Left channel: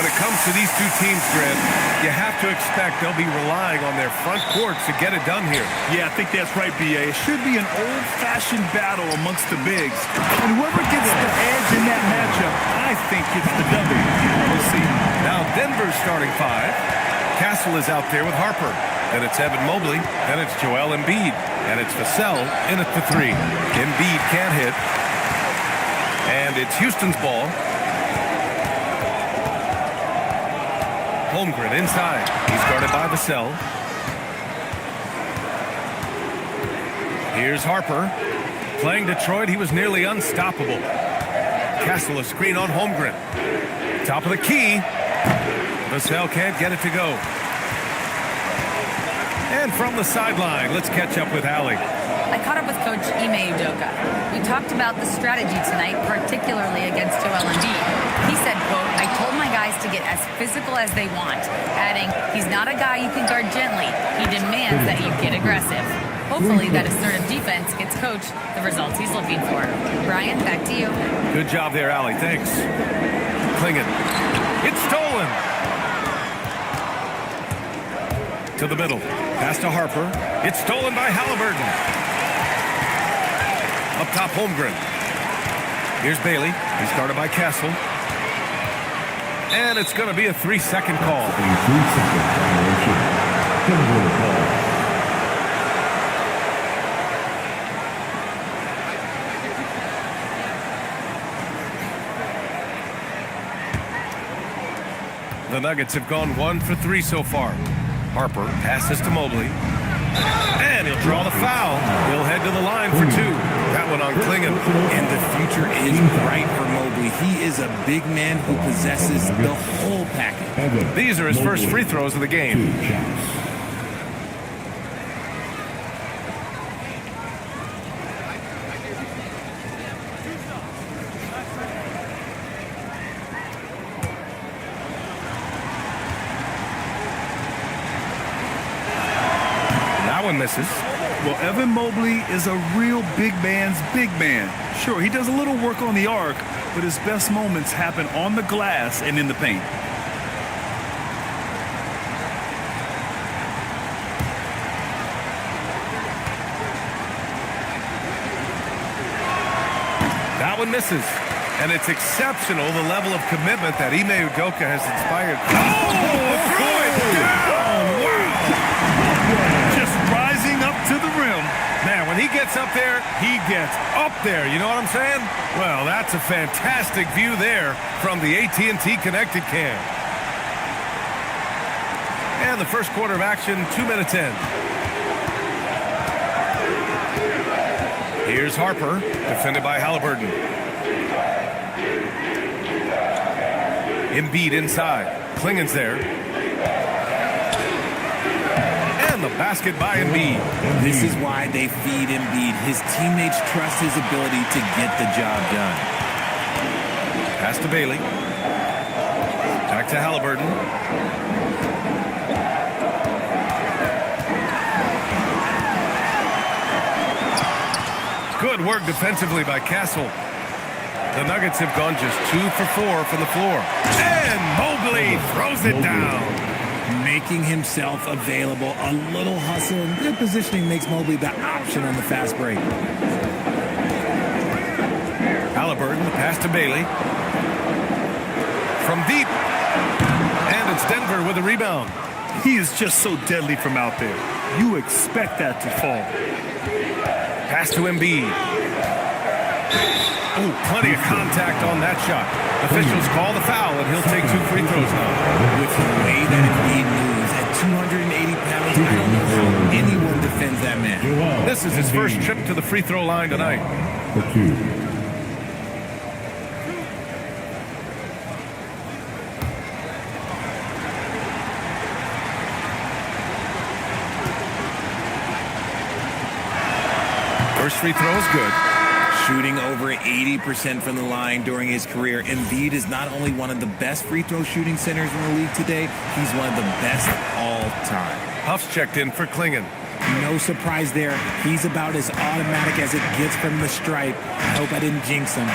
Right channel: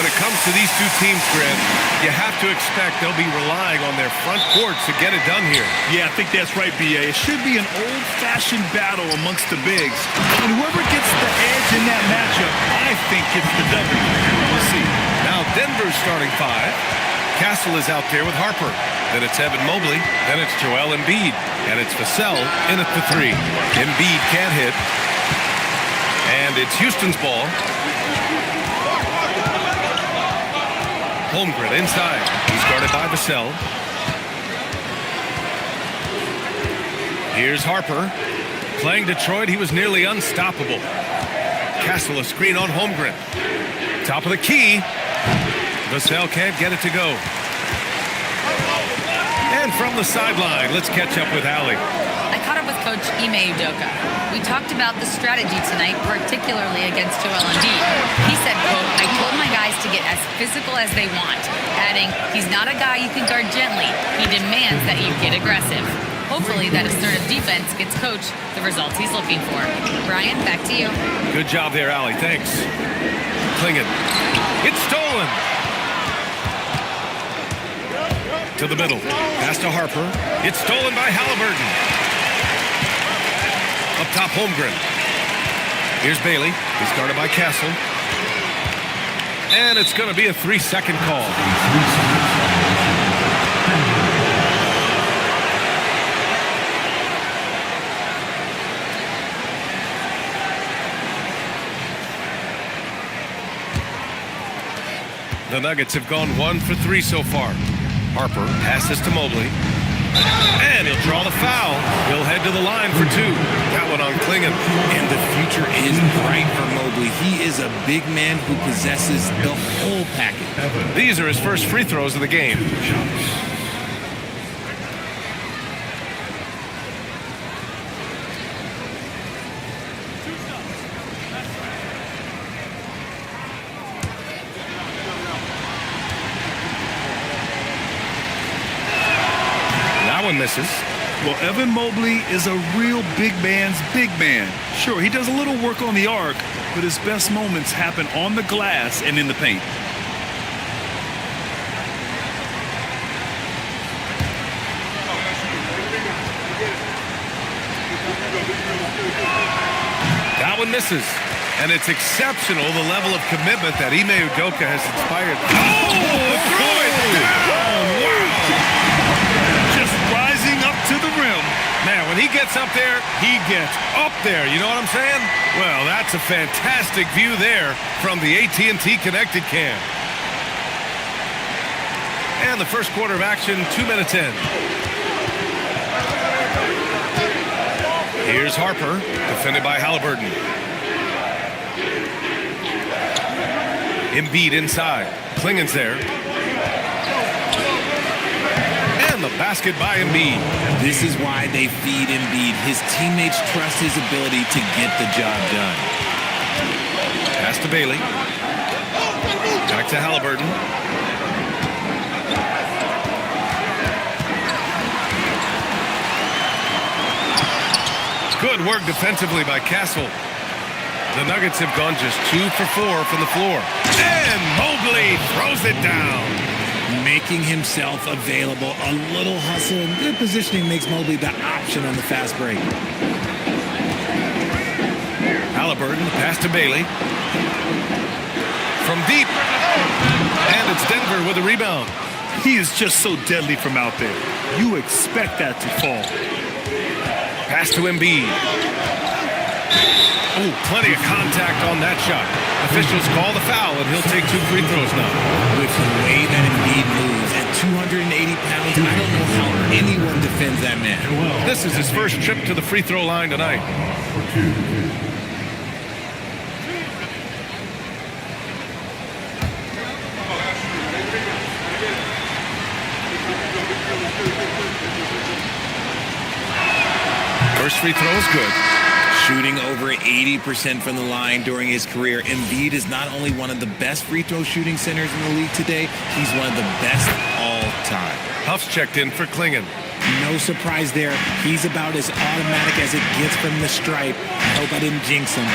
When it comes to these two teams, Grant, you have to expect they'll be relying on their front courts to get it done here. Yeah, I think that's right, B.A. It should be an old-fashioned battle amongst the bigs. And whoever gets the edge in that matchup, I think gets the W. We'll see. Now Denver's starting five. Castle is out there with Harper. Then it's Evan Mobley. Then it's Joel Embiid. And it's Vassell in at the three. Embiid can't hit. And it's Houston's ball. Holmgren inside. He's guarded by Vassell. Here's Harper. Playing Detroit, he was nearly unstoppable. Castle a screen on Holmgren. Top of the key. Vassell can't get it to go. And from the sideline, let's catch up with Allie. I caught up with Coach Ime Udoka. We talked about the strategy tonight, particularly against Joel Embiid. He said, quote, "I told my guys to get as physical as they want," adding, "He's not a guy you can guard gently. He demands that you get aggressive." Hopefully that assertive defense gets Coach the results he's looking for. Brian, back to you. Good job there, Allie. Thanks. Klingon. It's stolen. To the middle. Pass to Harper. It's stolen by Halliburton. Up top, Holmgren. Here's Bailey. He's guarded by Castle. And it's going to be a 3-second call. The Nuggets have gone 1 for 3 so far. Harper passes to Mobley. And he'll draw the foul. He'll head to the line for 2. That one on Klingon. And the future is bright for Mobley. He is a big man who possesses the whole package. These are his first free throws of the game. That one misses. Well, Evan Mobley is a real big man's big man. Sure, he does a little work on the arc, but his best moments happen on the glass and in the paint. That one misses. And it's exceptional, the level of commitment that Ime Udoka has inspired. Oh, throw it down! Wow! Just rising up to the rim. Man, when he gets up there, he gets up there. You know what I'm saying? Well, that's a fantastic view there from the AT&T Connected Cam. And the first quarter of action, 2 minutes in. Here's Harper, defended by Halliburton. Embiid inside. Klingon's there. And the basket by Embiid. This is why they feed Embiid. His teammates trust his ability to get the job done. Pass to Bailey. Back to Halliburton. Good work defensively by Castle. The Nuggets have gone just 2 for 4 from the floor. And Mobley throws it down. Making himself available. A little hustle and good positioning makes Mobley the option on the fast break. Halliburton, the pass to Bailey. From deep. And it's Denver with a rebound. He is just so deadly from out there. You expect that to fall. Pass to Embiid. Oh, plenty of contact on that shot. Officials call the foul, and he'll take 2 free throws now. With the way that Embiid moves at 280 pounds, I don't know how anyone defends that man. This is his first trip to the free throw line tonight. For 2. First free throw is good. Shooting over 80% from the line during his career, Embiid is not only one of the best free throw shooting centers in the league today, he's one of the best all time. Huff's checked in for Klingon. No surprise there. He's about as automatic as it gets from the stripe. I hope I didn't jinx him.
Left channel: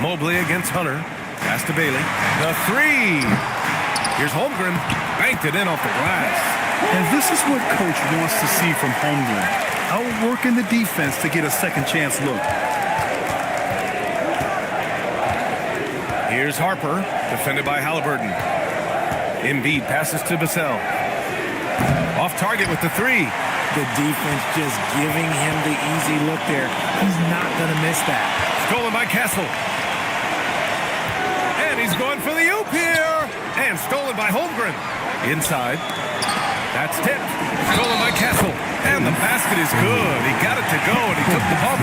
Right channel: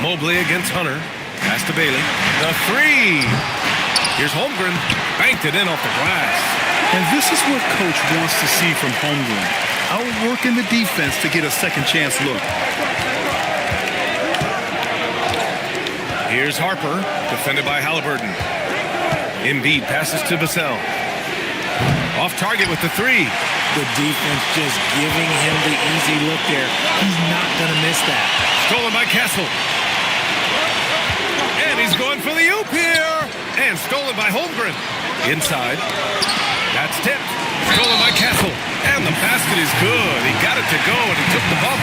Mobley against Hunter. Pass to Bailey. The 3. Here's Holmgren. Banked it in off the glass. And this is what Coach wants to see from Holmgren. Outworking the defense to get a second chance look. Here's Harper, defended by Halliburton. Embiid passes to Vassell. Off target with the 3. The defense just giving him the easy look there. He's not going to miss that. Stolen by Castle. And he's going for the oop here. And stolen by Holmgren. Inside. That's tipped. Stolen by Castle. And the basket is good. He got it to go, and he took the bump.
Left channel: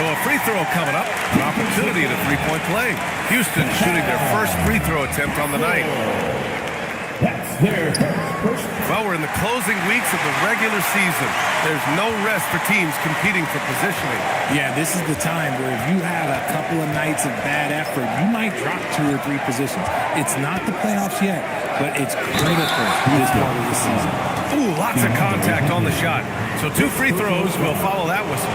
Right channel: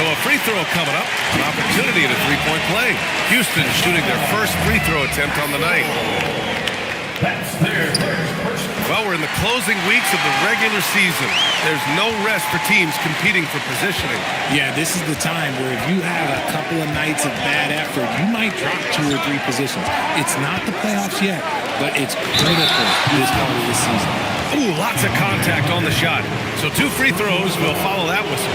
So a free throw coming up. An opportunity at a 3-point play. Houston shooting their first free throw attempt on the night. Well, we're in the closing weeks of the regular season. There's no rest for teams competing for positioning. Yeah, this is the time where if you have a couple of nights of bad effort, you might drop 2 or 3 positions. It's not the playoffs yet, but it's critical this part of the season. Ooh, lots of contact on the shot. So 2 free throws will follow that whistle.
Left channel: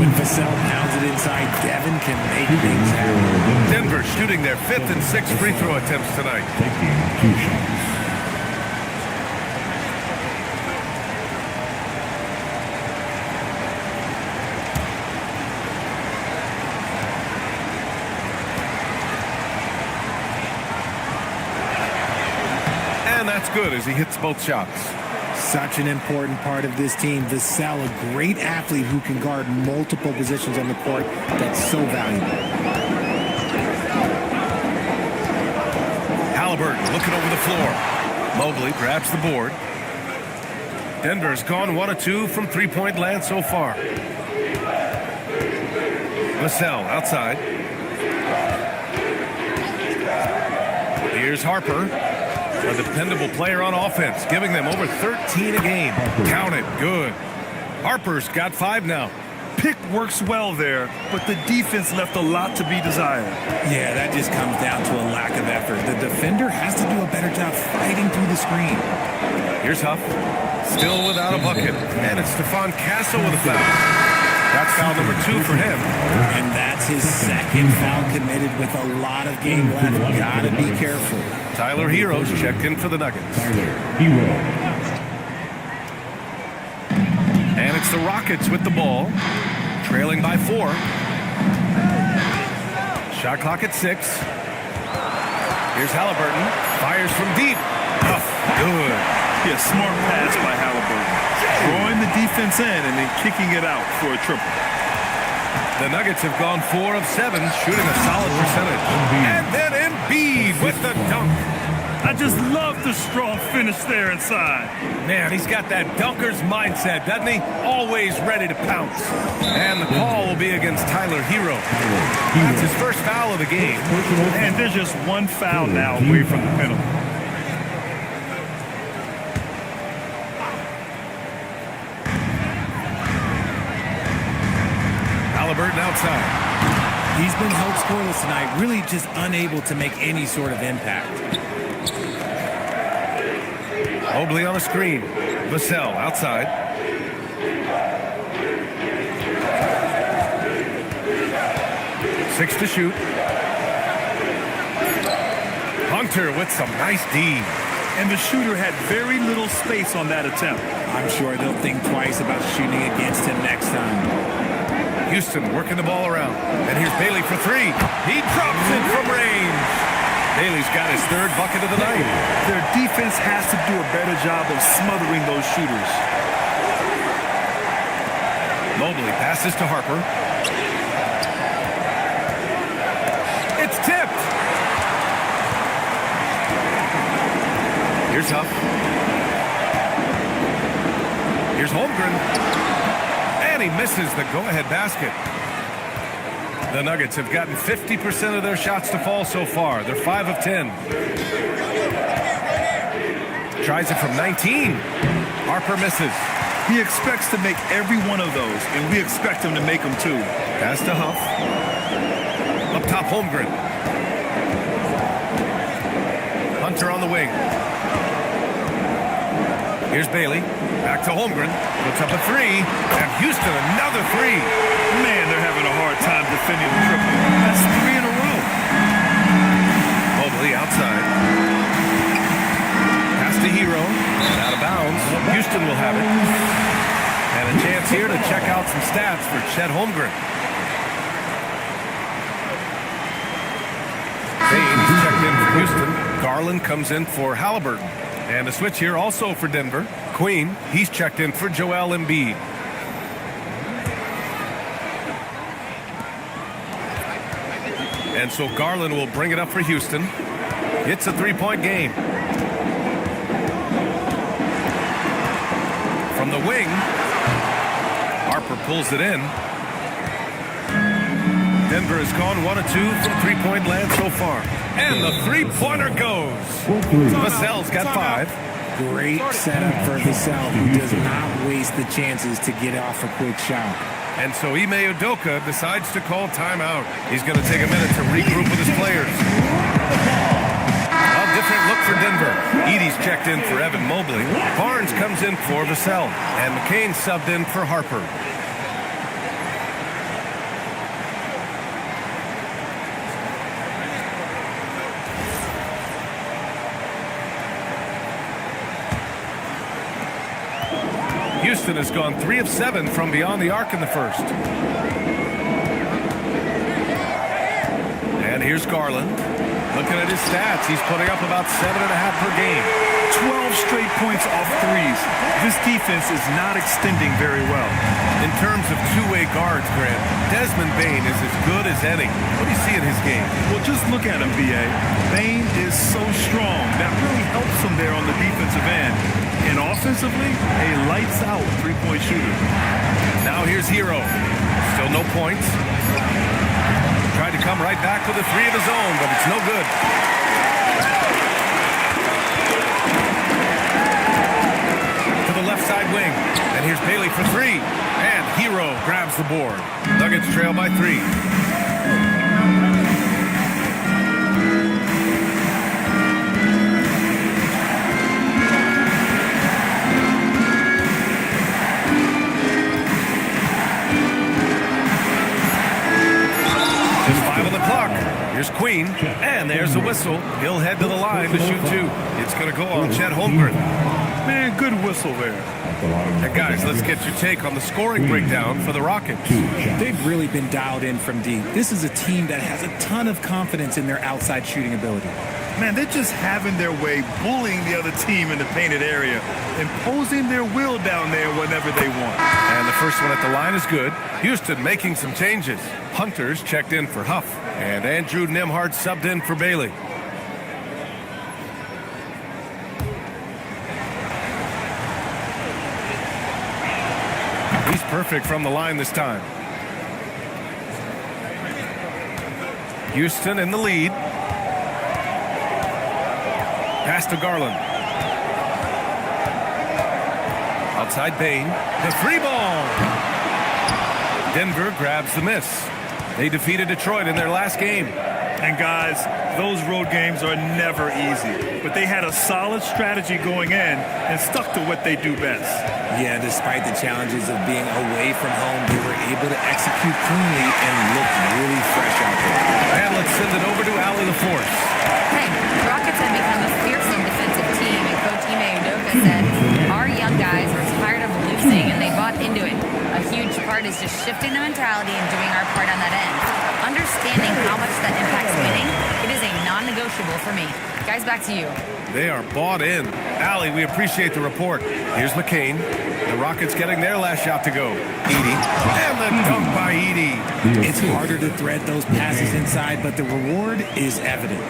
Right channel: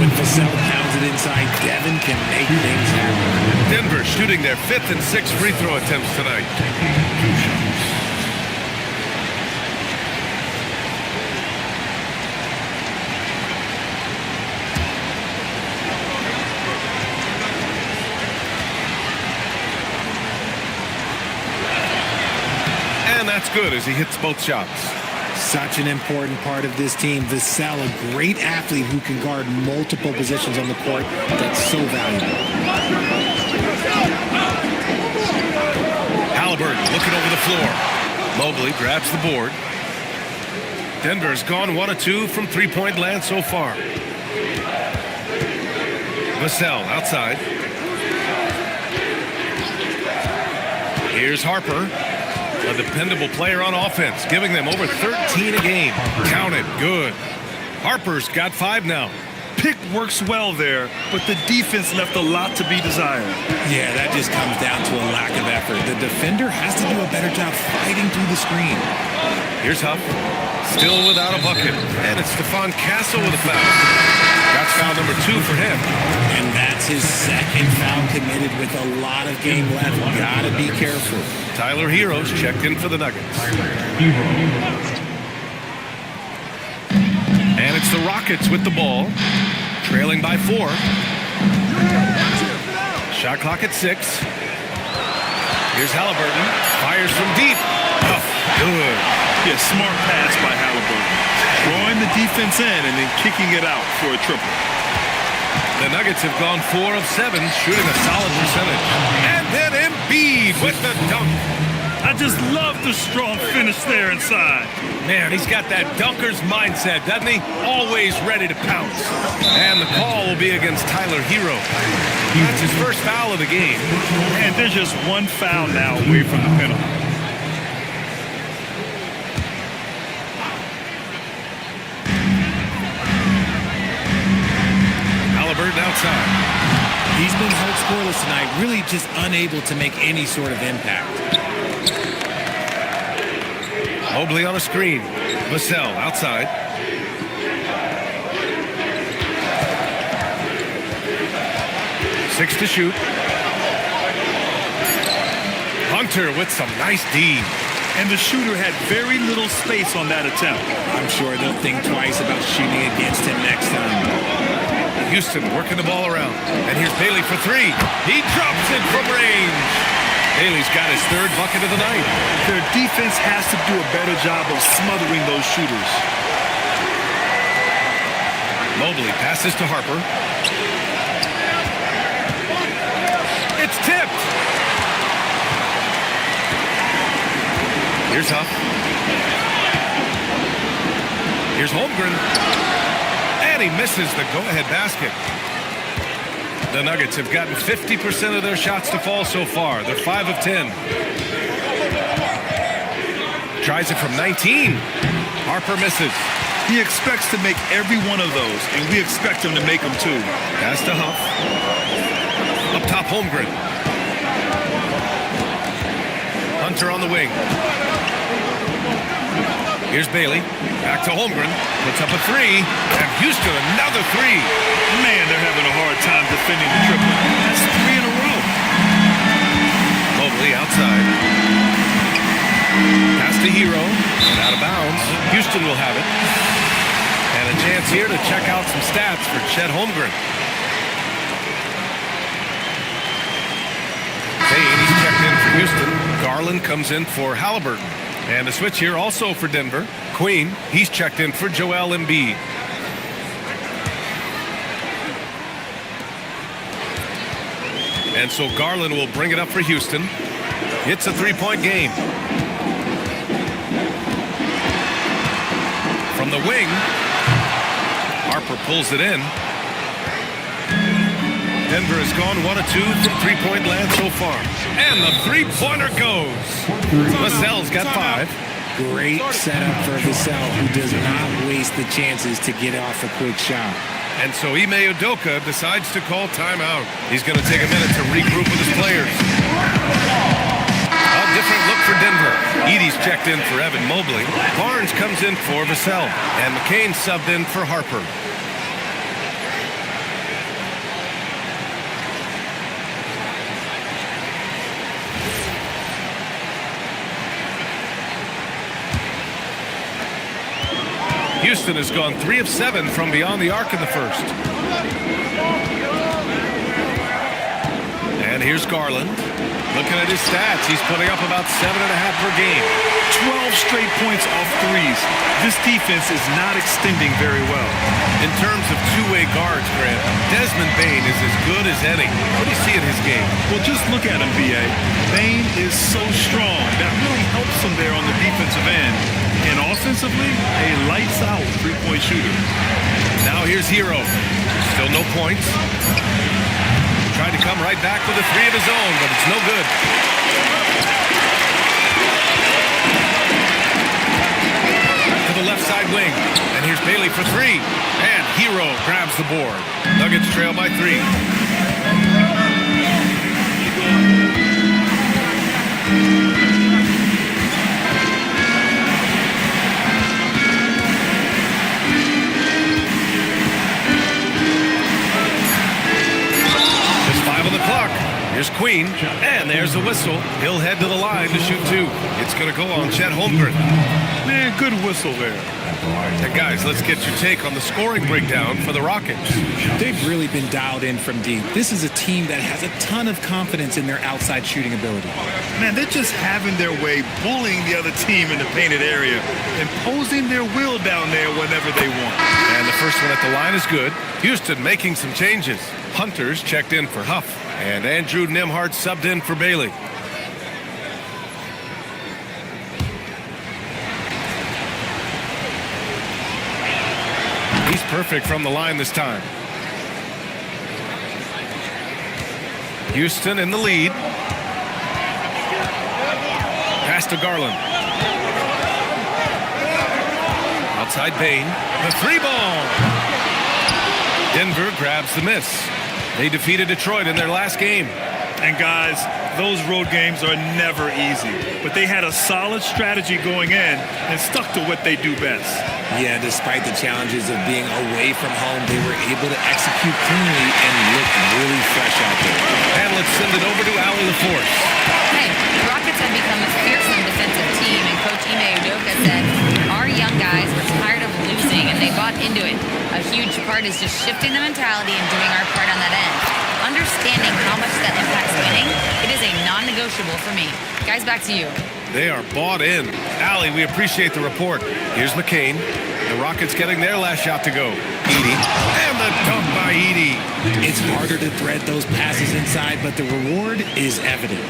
When Vassell pounds it inside, Devin can make things happen. Denver shooting their 5th and 6th free throw attempts tonight. Taking 2 shots. And that's good as he hits both shots. Such an important part of this team. Vassell, a great athlete who can guard multiple positions on the court. That's so valuable. Halliburton looking over the floor. Mobley grabs the board. Denver's gone 1 of 2 from 3-point land so far. Vassell outside. Here's Harper. A dependable player on offense, giving them over 13 a game. Count it, good. Harper's got 5 now. Pick works well there, but the defense left a lot to be desired. Yeah, that just comes down to a lack of effort. The defender has to do a better job fighting through the screen. Here's Huff, still without a bucket. And it's Stephon Castle with a foul. That's foul number 2 for him. And that's his 2nd foul committed with a lot of game left. Gotta be careful. Tyler Hero's checked in for the Nuggets. And it's the Rockets with the ball, trailing by 4. Shot clock at 6. Here's Halliburton, fires from deep. Oh, good. Yeah, smart pass by Halliburton. Drawing the defense in and then kicking it out for a triple. The Nuggets have gone 4 of 7, shooting a solid percentage. And then Embiid with the dunk. I just love the strong finish there inside. Man, he's got that dunker's mindset, doesn't he? Always ready to pounce. And the call will be against Tyler Hero. That's his first foul of the game. And there's just 1 foul now away from the penalty. Halliburton outside. He's been held scoreless tonight, really just unable to make any sort of impact. Mobley on a screen. Vassell outside. 6 to shoot. Hunter with some nice D. And the shooter had very little space on that attempt. I'm sure they'll think twice about shooting against him next time. Houston working the ball around. And here's Bailey for 3. He drops it from range. Bailey's got his 3rd bucket of the night. Their defense has to do a better job of smothering those shooters. Mobley passes to Harper. It's tipped. Here's Huff. Here's Holmgren. And he misses the go-ahead basket. The Nuggets have gotten 50% of their shots to fall so far. They're 5 of 10. Tries it from 19. Harper misses. He expects to make every one of those, and we expect him to make them too. Pass to Huff. Up top, Holmgren. Hunter on the wing. Here's Bailey. Back to Holmgren. Puts up a 3. And Houston another 3. Man, they're having a hard time defending the triple. That's 3 in a row. Mobley outside. Pass to Hero. And out of bounds. Houston will have it. And a chance here to check out some stats for Chet Holmgren. Payne, he's checked in for Houston. Garland comes in for Halliburton. And a switch here also for Denver. Queen, he's checked in for Joel Embiid. And so Garland will bring it up for Houston. It's a 3-point game. From the wing, Harper pulls it in. Denver has gone 1 of 2 from 3-point land so far. And the 3-pointer goes. Vassell's got 5. Great setup for Vassell, who does not waste the chances to get off a quick shot. And so Ime Udoka decides to call timeout. He's going to take a minute to regroup with his players. A different look for Denver. Edey's checked in for Evan Mobley. Barnes comes in for Vassell. And McCain subbed in for Harper. Houston has gone 3 of 7 from beyond the arc in the first. And here's Garland. Looking at his stats, he's putting up about 7.5 per game. 12 straight points off threes. This defense is not extending very well. In terms of two-way guards, Grant, Desmond Bane is as good as any. What do you see in his game? Well, just look at him, B.A. Bane is so strong. That really helps him there on the defensive end. And offensively, a lights-out three-point shooter. Now here's Hero. Still no points. Tried to come right back with a 3 of his own, but it's no good. To the left side wing. And here's Bailey for 3. And Hero grabs the board. Nuggets trail by 3. Just 5 on the clock. Here's Queen, and there's the whistle. He'll head to the line to shoot 2. It's going to go on Chet Holmgren. Man, good whistle there. And guys, let's get your take on the scoring breakdown for the Rockets. They've really been dialed in from deep. This is a team that has a ton of confidence in their outside shooting ability. Man, they're just having their way, bullying the other team in the painted area, imposing their will down there whenever they want. And the first one at the line is good. Houston making some changes. Hunter's checked in for Huff, and Andrew Nembhard subbed in for Bailey. He's perfect from the line this time. Houston in the lead. Pass to Garland. Outside Bane. The 3-ball. Denver grabs the miss. They defeated Detroit in their last game. And guys, those road games are never easy. But they had a solid strategy going in and stuck to what they do best. Yeah, despite the challenges of being away from home, they were able to execute cleanly and look really fresh out there. And let's send it over to Allie LaForce. Hey, the Rockets have become a fearsome defensive team, and Coach Ime Udoka said, our young guys were tired of losing, and they bought into it. A huge part is just shifting the mentality and doing our part on that end. Understanding how much that impacts winning, it is a non-negotiable for me. Guys, back to you. They are bought in. Allie, we appreciate the report. Here's McCain. The Rockets getting their last shot to go. Edey. And the dunk by Edey. It's harder to thread those passes inside, but the reward is evident.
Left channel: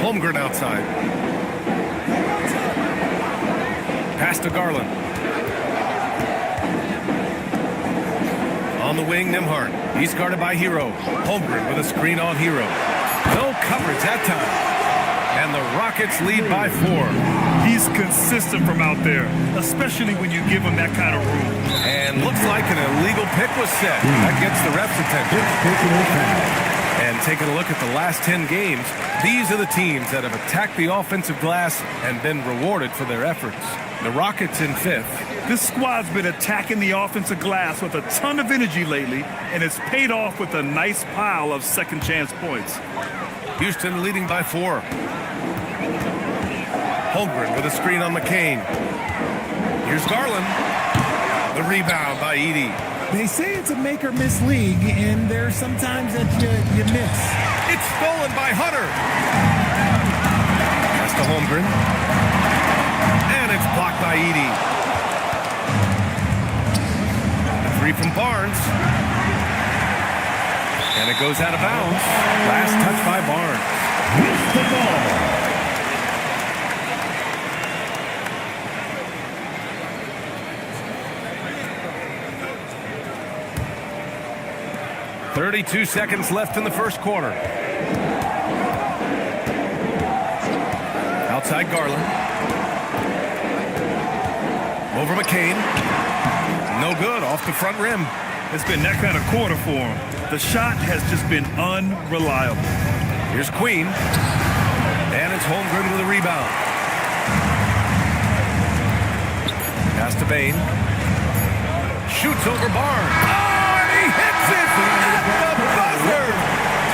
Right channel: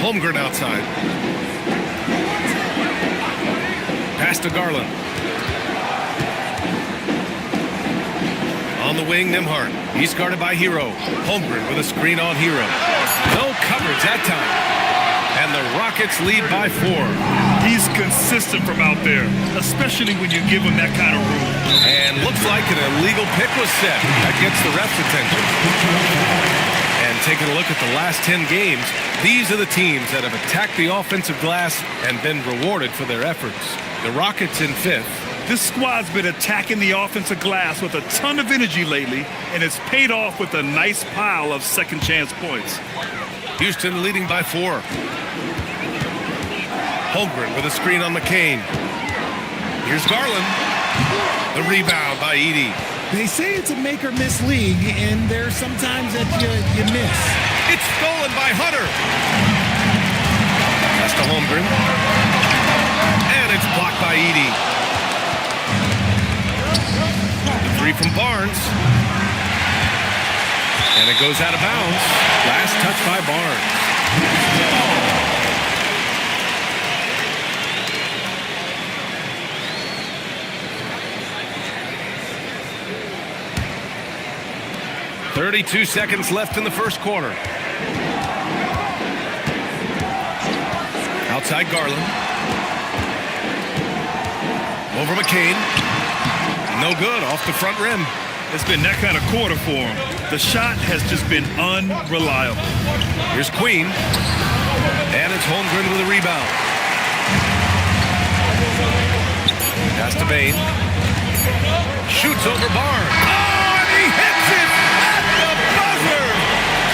Holmgren outside. Pass to Garland. On the wing, Nembhard. He's guarded by Hero. Holmgren with a screen on Hero. No coverage that time. And the Rockets lead by 4. He's consistent from out there, especially when you give him that kind of room. And looks like an illegal pick was set. That gets the ref's attention. And taking a look at the last 10 games, these are the teams that have attacked the offensive glass and been rewarded for their efforts. The Rockets in 5th. This squad's been attacking the offensive glass with a ton of energy lately, and it's paid off with a nice pile of second chance points. Houston leading by 4. Holmgren with a screen on McCain. Here's Garland. The rebound by Edey. They say it's a make-or-miss league, and there's sometimes that you miss. It's stolen by Hunter. Pass to Holmgren. And it's blocked by Edey. The 3 from Barnes. And it goes out of bounds. Last touch by Barnes. 32 seconds left in the first quarter. Outside Garland. Over McCain. No good, off the front rim. It's been that kind of quarter for him. The shot has just been unreliable. Here's Queen. And it's Holmgren with a rebound. Pass to Bain. Shoots over Barnes. Oh, and he hits it at the buzzer.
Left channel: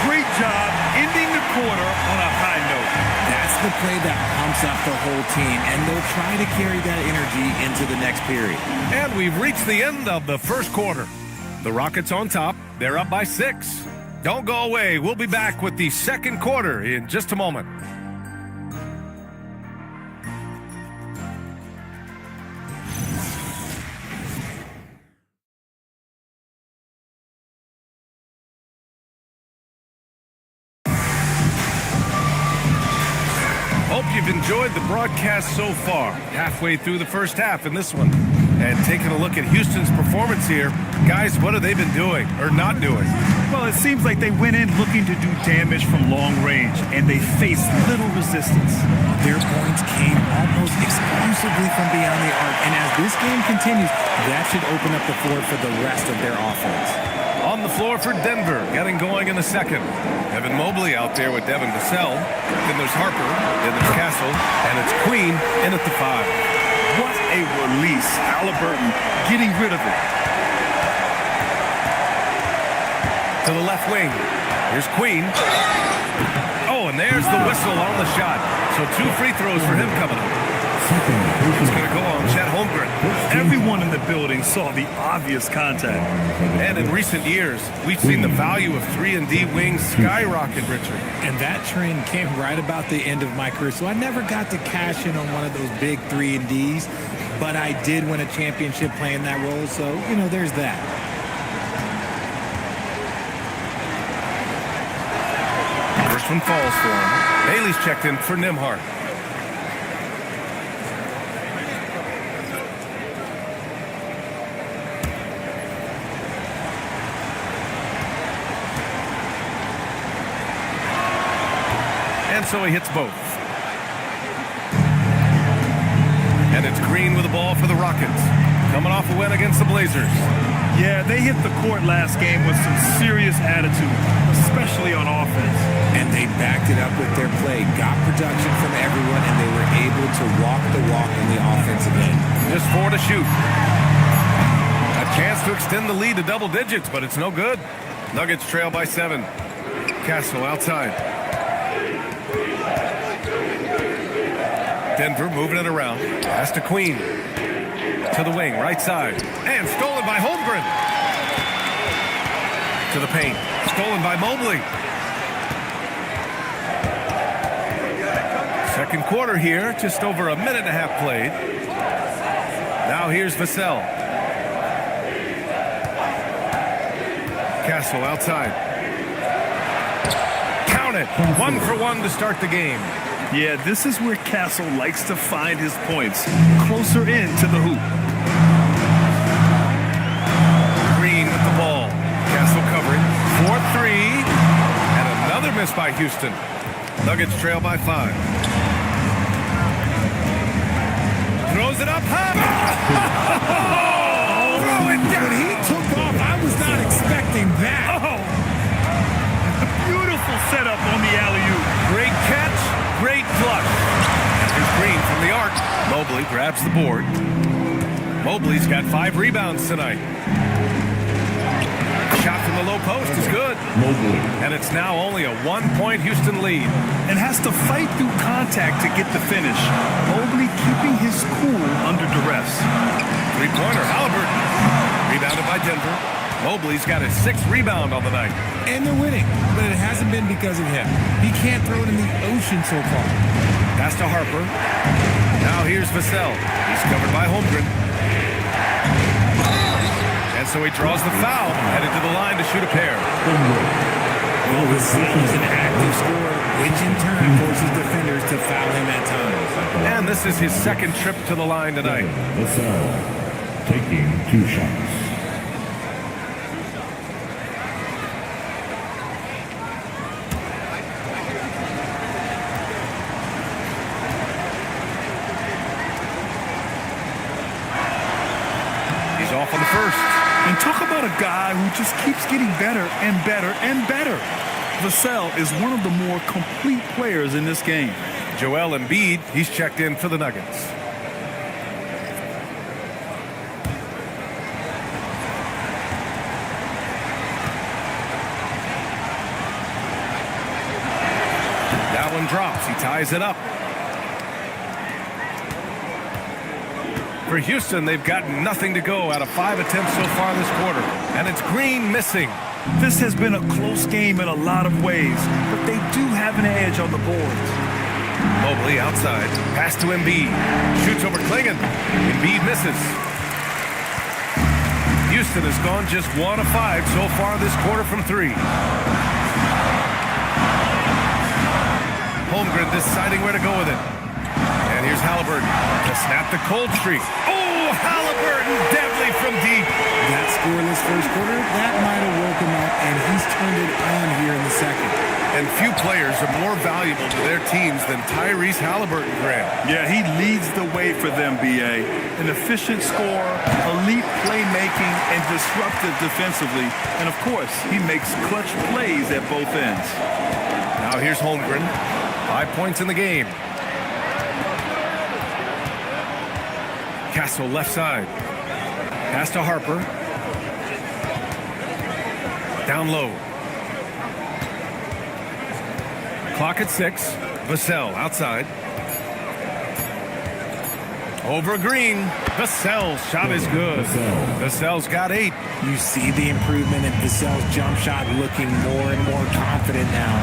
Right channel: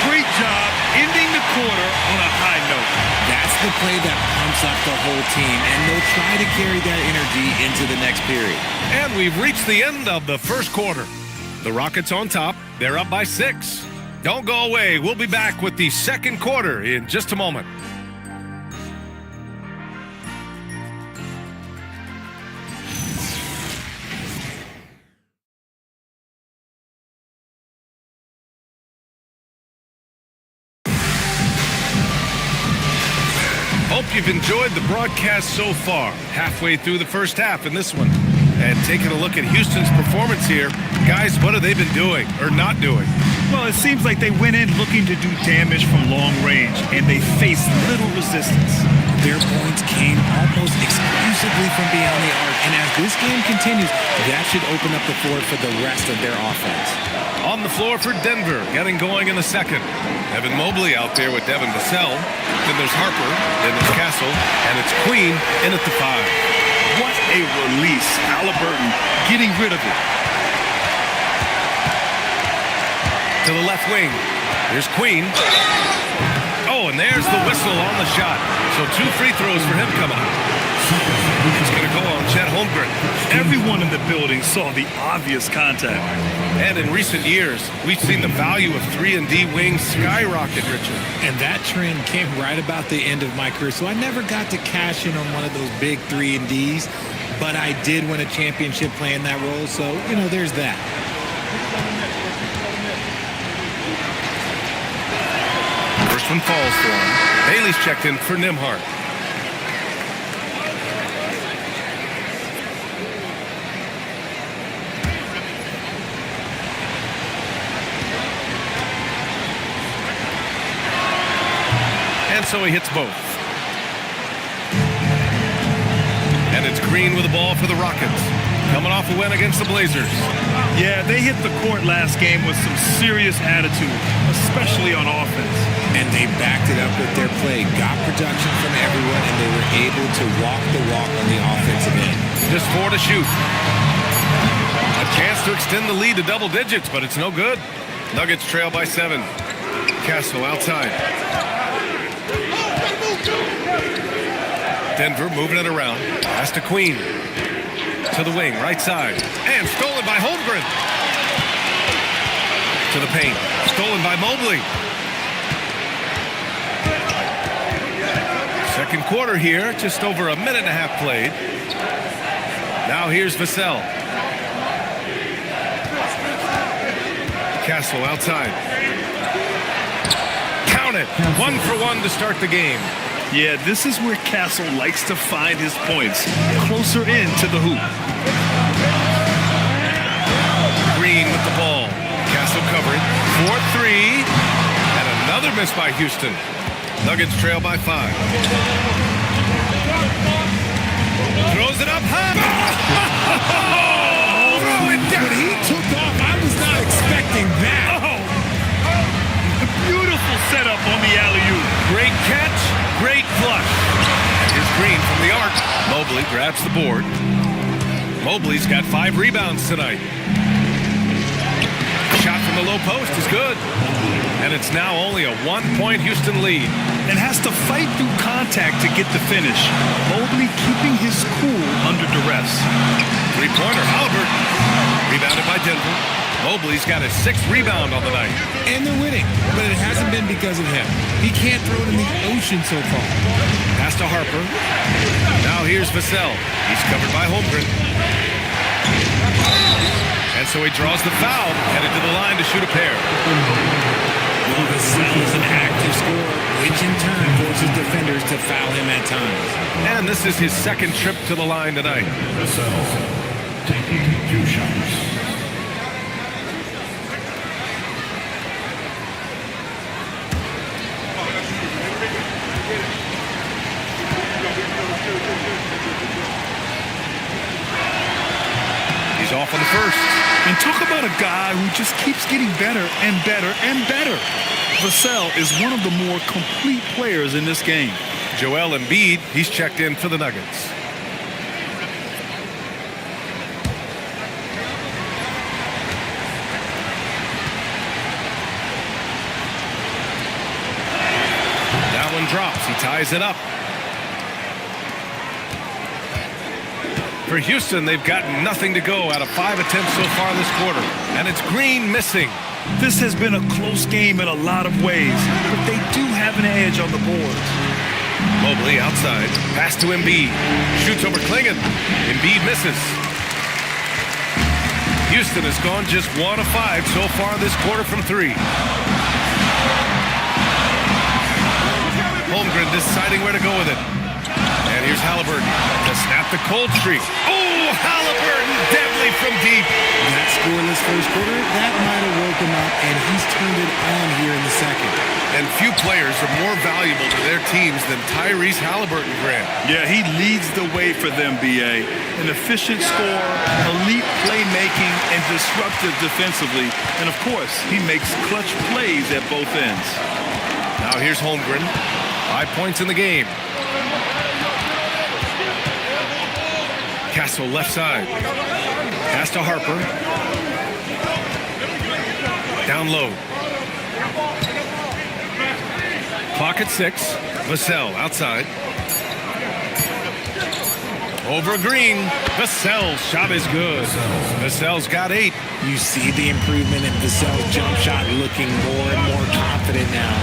Great job ending the quarter on a high note. That's the play that pumps up the whole team, and they'll try to carry that energy into the next period. And we've reached the end of the first quarter. The Rockets on top. They're up by 6. Don't go away. We'll be back with the second quarter in just a moment. Hope you've enjoyed the broadcast so far. Halfway through the first half in this one. And taking a look at Houston's performance here, guys, what have they been doing or not doing? Well, it seems like they went in looking to do damage from long range, and they faced little resistance. Their points came almost exclusively from beyond the arc, and as this game continues, that should open up the floor for the rest of their offense. On the floor for Denver, getting going in the second. Evan Mobley out there with Devin Vassell. Then there's Harper, then there's Castle, and it's Queen in at the 5. What a release. Halliburton getting rid of it. To the left wing. Here's Queen. Oh, and there's the whistle on the shot. So 2 free throws for him coming up. It's going to go on Chet Holmgren. Everyone in the building saw the obvious contact. And in recent years, we've seen the value of 3-and-D wings skyrocket, Richard. And that trend came right about the end of my career, so I never got to cash in on one of those big 3-and-Ds, but I did win a championship playing that role, so, there's that. First one falls for him. Bailey's checked in for Nembhard. And so he hits both. And it's Green with the ball for the Rockets. Coming off a win against the Blazers. Yeah, they hit the court last game with some serious attitude, especially on offense. And they backed it up with their play, got production from everyone, and they were able to walk the walk on the offensive end. Just 4 to shoot. A chance to extend the lead to double digits, but it's no good. Nuggets trail by 7. Castle outside. Denver moving it around. Pass to Queen. To the wing, right side. And stolen by Holmgren. To the paint. Stolen by Mobley. Second quarter here. Just over a minute and a half played. Now here's Vassell. Castle outside. Count it. 1 for 1 to start the game. Yeah, this is where Castle likes to find his points, closer in to the hoop. Green with the ball. Castle covering. 4-3. And another miss by Houston. Nuggets trail by 5. Throws it up high. Oh, throw it down. When he took off, I was not expecting that. Oh! Beautiful setup on the alley-oop. Great catch, great flush. And here's Green from the arc. Mobley grabs the board. Mobley's got 5 rebounds tonight. Shot from the low post is good. Mobley. And it's now only a 1-point Houston lead. And has to fight through contact to get the finish. Mobley keeping his cool under duress. Three-pointer, Halliburton. Rebounded by Denver. Mobley's got his 6th rebound on the night. And they're winning, but it hasn't been because of him. He can't throw it in the ocean so far. Pass to Harper. Now here's Vassell. He's covered by Holmgren. And so he draws the foul, headed to the line to shoot a pair. Well, Vassell is an active scorer, which in turn forces defenders to foul him at times. And this is his 2nd trip to the line tonight. Vassell taking 2 shots. He's off on the first. And talk about a guy who just keeps getting better and better and better. Vassell is one of the more complete players in this game. Joel Embiid, he's checked in for the Nuggets. That one drops. He ties it up. For Houston, they've gotten nothing to go out of 5 attempts so far this quarter. And it's Green missing. This has been a close game in a lot of ways, but they do have an edge on the boards. Mobley outside. Pass to Embiid. Shoots over Klingon. Embiid misses. Houston has gone just 1 of 5 so far this quarter from 3. Holmgren deciding where to go with it. And here's Halliburton to snap the cold streak. Oh, Halliburton, deadly from deep. That scoreless first quarter, that might have woke him up, and he's turned it on here in the second. And few players are more valuable to their teams than Tyrese Halliburton, Grant. Yeah, he leads the way for them, B.A. An efficient scorer, elite playmaking, and disruptive defensively. And, of course, he makes clutch plays at both ends. Now here's Holmgren. 5 points in the game. Castle left side. Pass to Harper. Down low. Clock at 6. Vassell outside. Over Green. Vassell's shot is good. Vassell's got 8. You see the improvement in Vassell's jump shot, looking more and more confident now.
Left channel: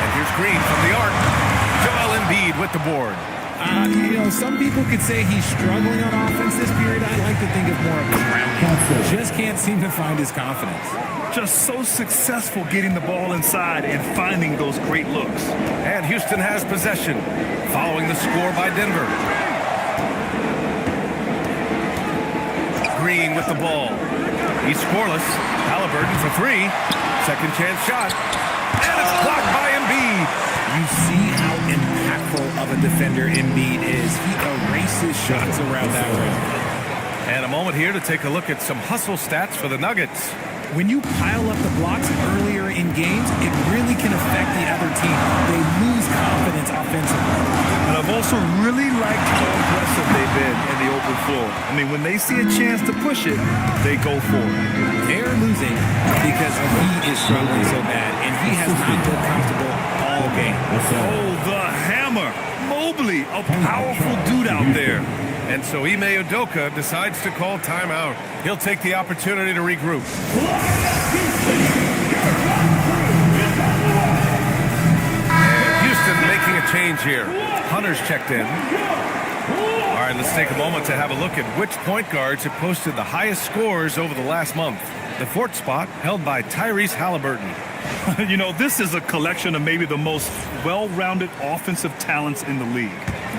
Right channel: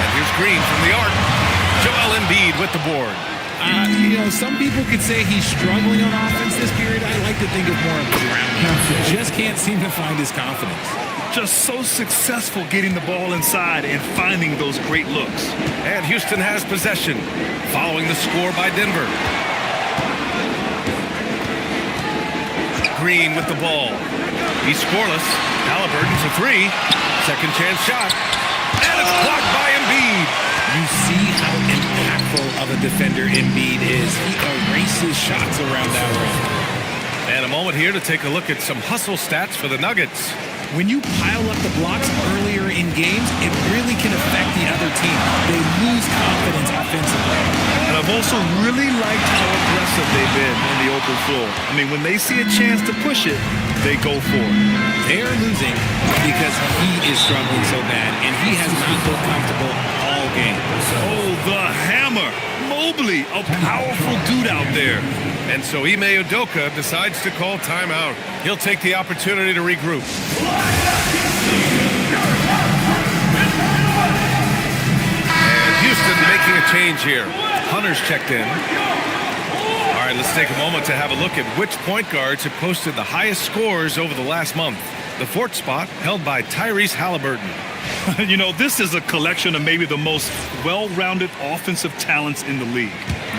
And here's Green from the arc. Joel Embiid with the board. Some people could say he's struggling on offense this period. I like to think of more of drowning. Just can't seem to find his confidence. Just so successful getting the ball inside and finding those great looks. And Houston has possession, following the score by Denver. Green with the ball. He's scoreless. Halliburton for 3. Second chance shot. And it's blocked by Embiid. You see how impactful of a defender Embiid is. He erases shots around that rim. And a moment here to take a look at some hustle stats for the Nuggets. When you pile up the blocks earlier in games, it really can affect the other team. They lose confidence offensively. And I've also really liked how aggressive they've been in the open floor. I mean, when they see a chance to push it, they go for it. They're losing because he is struggling so bad, and he has not looked comfortable all game. Oh, the hammer. Mobley, a powerful dude out there. And so Ime Udoka decides to call timeout. He'll take the opportunity to regroup. And Houston making a change here. Hunter's checked in. All right, let's take a moment to have a look at which point guards have posted the highest scores over the last month. The fourth spot held by Tyrese Halliburton. You know, this is a collection of maybe the most well-rounded offensive talents in the league.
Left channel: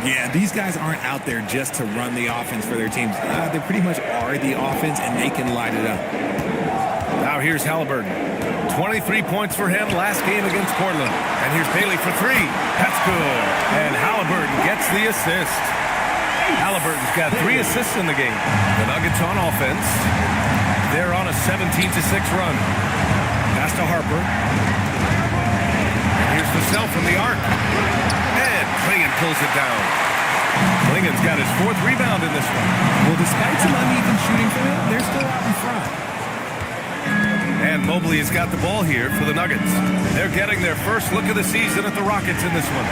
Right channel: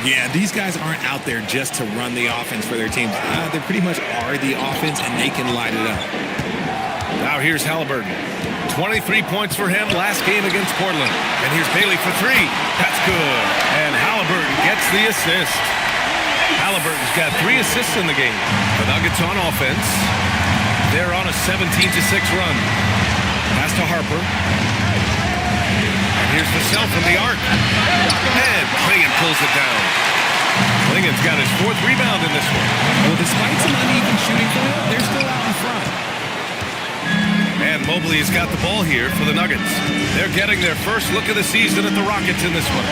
Yeah, these guys aren't out there just to run the offense for their teams. They pretty much are the offense, and they can light it up. Now here's Halliburton. 23 points for him last game against Portland. And here's Bailey for three. That's good. And Halliburton gets the assist. Halliburton's got 3 assists in the game. The Nuggets on offense. They're on a 17-6 run. Pass to Harper. And here's Vassell from the arc. And Klingon pulls it down. Klingon's got his 4th rebound in this one. Well, despite some uneven shooting from him, they're still out in front. And Mobley has got the ball here for the Nuggets. They're getting their first look of the season at the Rockets in this one.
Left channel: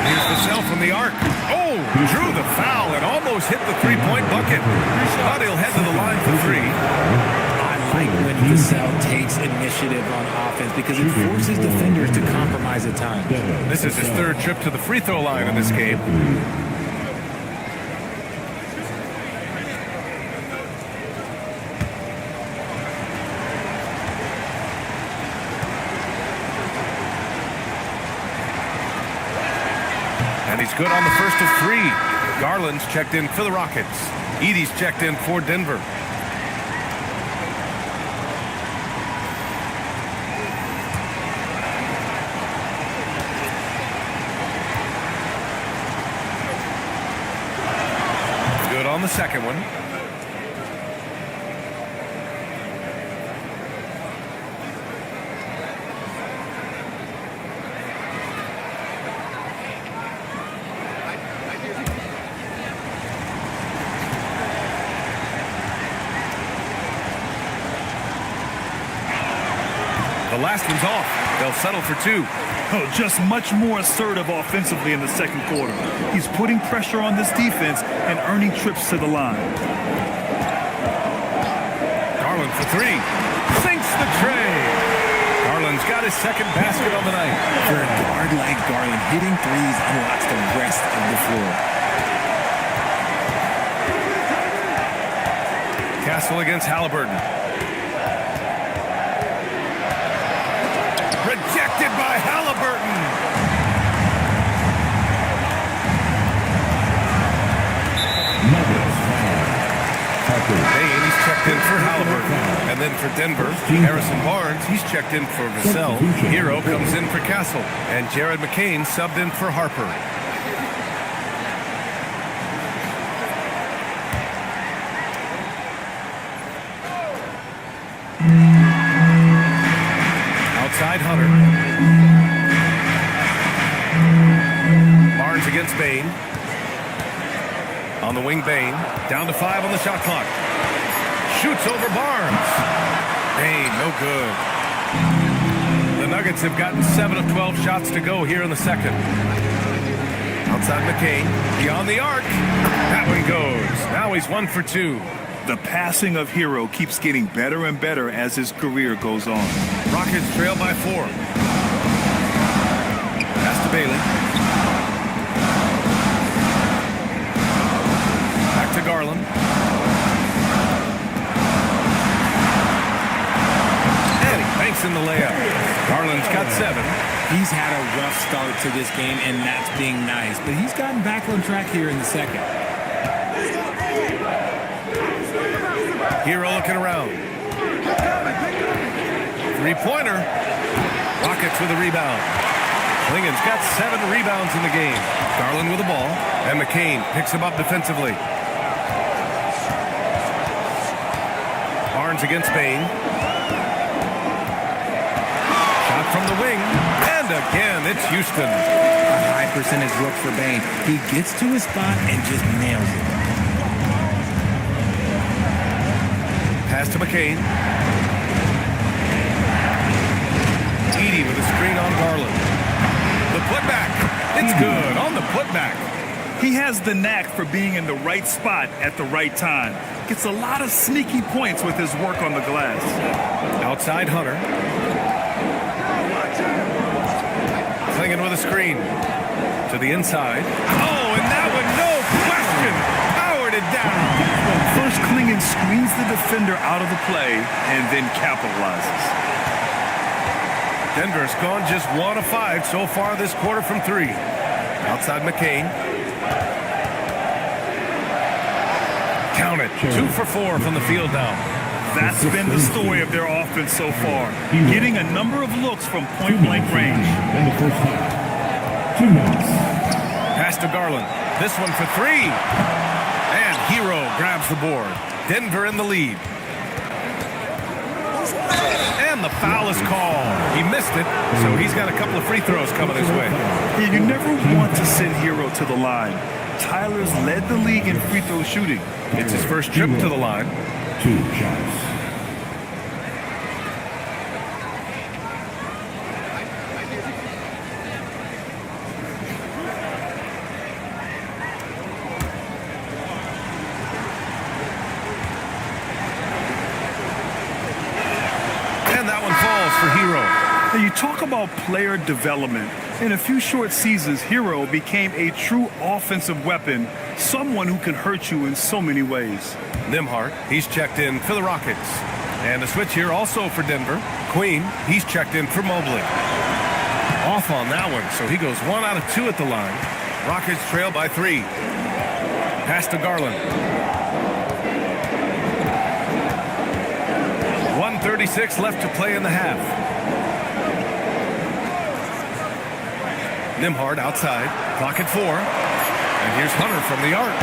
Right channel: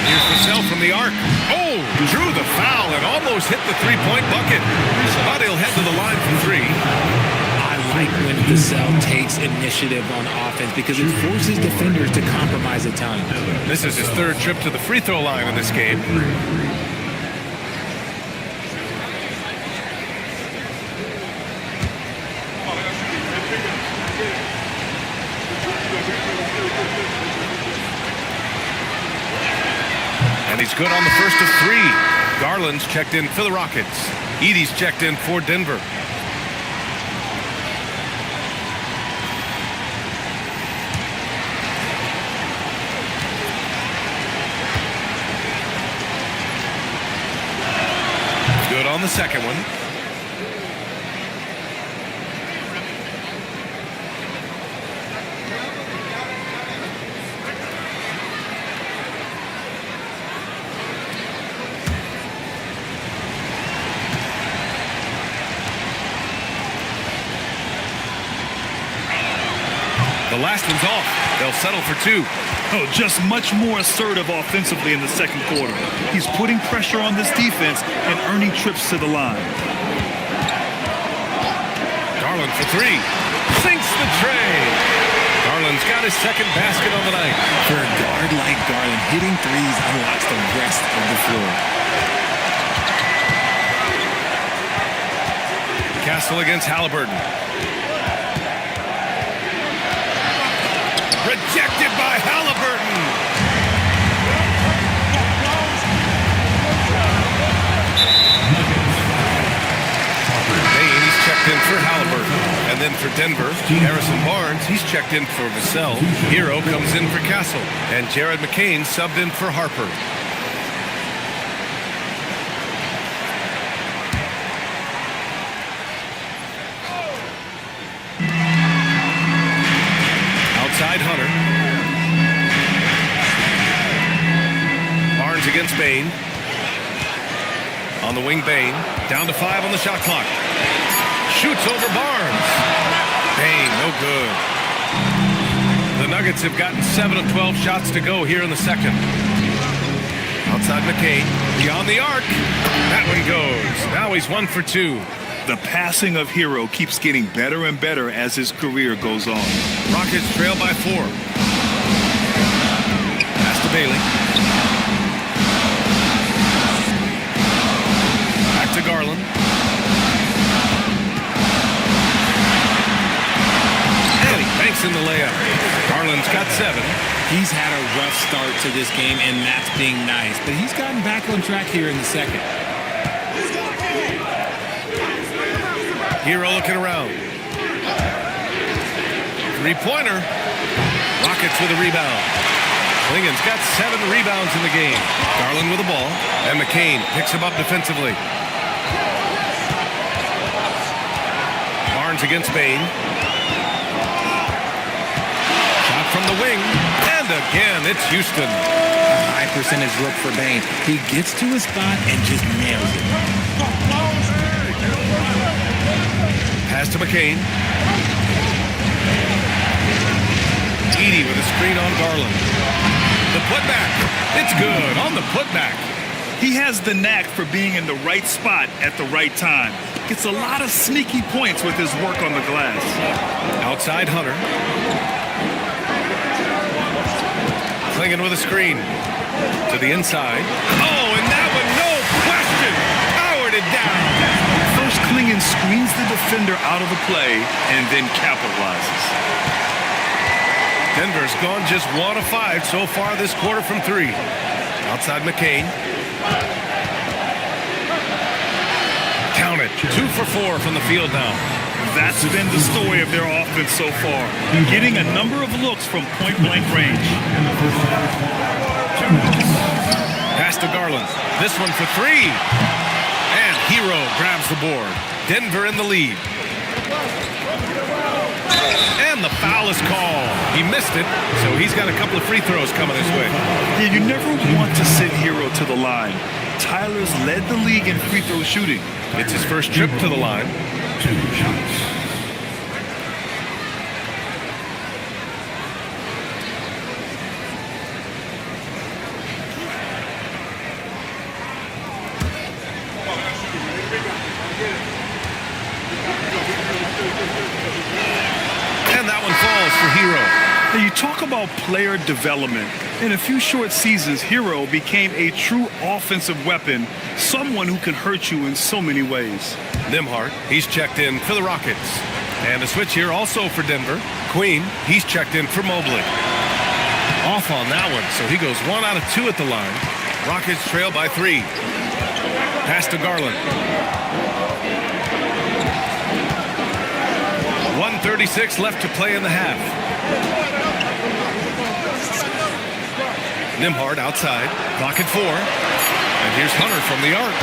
And here's Vassell from the arc. Oh, drew the foul and almost hit the three-point bucket. But he'll head to the line for 3. I like when Vassell takes initiative on offense because it forces defenders to compromise at times. This is his 3rd trip to the free throw line in this game. And he's good on the first of 3. Garland's checked in for the Rockets. Edey's checked in for Denver. Good on the second one. The last one's off. They'll settle for 2. Oh, just much more assertive offensively in the second quarter. He's putting pressure on this defense and earning trips to the line. Garland for 3. Sinks the tray. Garland's got his 2nd basket on the night. For a guard like Garland, hitting threes unlocks the rest of the floor. Castle against Halliburton. Rejected by Halliburton. Bain, he's checked in for Halliburton. And then for Denver, Harrison Barnes, he's checked in for Vassell. Hero comes in for Castle. And Jared McCain subbed in for Harper. Outside Hunter. Barnes against Bain. On the wing, Bain. Down to 5 on the shot clock. Shoots over Barnes. Bain, no good. The Nuggets have gotten 7 of 12 shots to go here in the second. Outside McCain. Beyond the arc. That one goes. Now he's 1 for 2. The passing of Hero keeps getting better and better as his career goes on. Rockets trail by 4. Pass to Bailey. Back to Garland. And he banks in the layup. Garland's got 7. He's had a rough start to this game, and that's being nice. But he's gotten back on track here in the second. Hero looking around. Three-pointer. Rockets with a rebound. Klingen's got 7 rebounds in the game. Garland with the ball, and McCain picks him up defensively. Barnes against Bain. Shot from the wing, and again, it's Houston. A high percentage look for Bain. He gets to his spot and just nails it. Pass to McCain. Edey with a screen on Garland. The putback. It's good on the putback. He has the knack for being in the right spot at the right time. Gets a lot of sneaky points with his work on the glass. Outside Hunter. Klingen with a screen. To the inside. Oh, and that one, no question, powered it down. First, Klingen screens the defender out of the play and then capitalizes. Denver's gone just 1 of 5 so far this quarter from 3. Outside McCain. Count it. 2 for 4 from the field now. That's been the story of their offense so far. Getting a number of looks from point-blank range. In the first half. 2 minutes. Pass to Garland. This one for 3. And Hero grabs the board. Denver in the lead. And the foul is called. He missed it, so he's got a couple of free throws coming his way. Yeah, you never want to send Hero to the line. Tyler's led the league in free throw shooting. It's his first trip to the line. 2 shots. And that one falls for Hero. Now, you talk about player development. In a few short seasons, Hero became a true offensive weapon, someone who can hurt you in so many ways. Nembhard, he's checked in for the Rockets. And a switch here also for Denver. Queen, he's checked in for Mobley. Off on that one, so he goes 1 out of 2 at the line. Rockets trail by 3. Pass to Garland. 1:36 left to play in the half. Nembhard outside, clock at 4. And here's Hunter from the arc.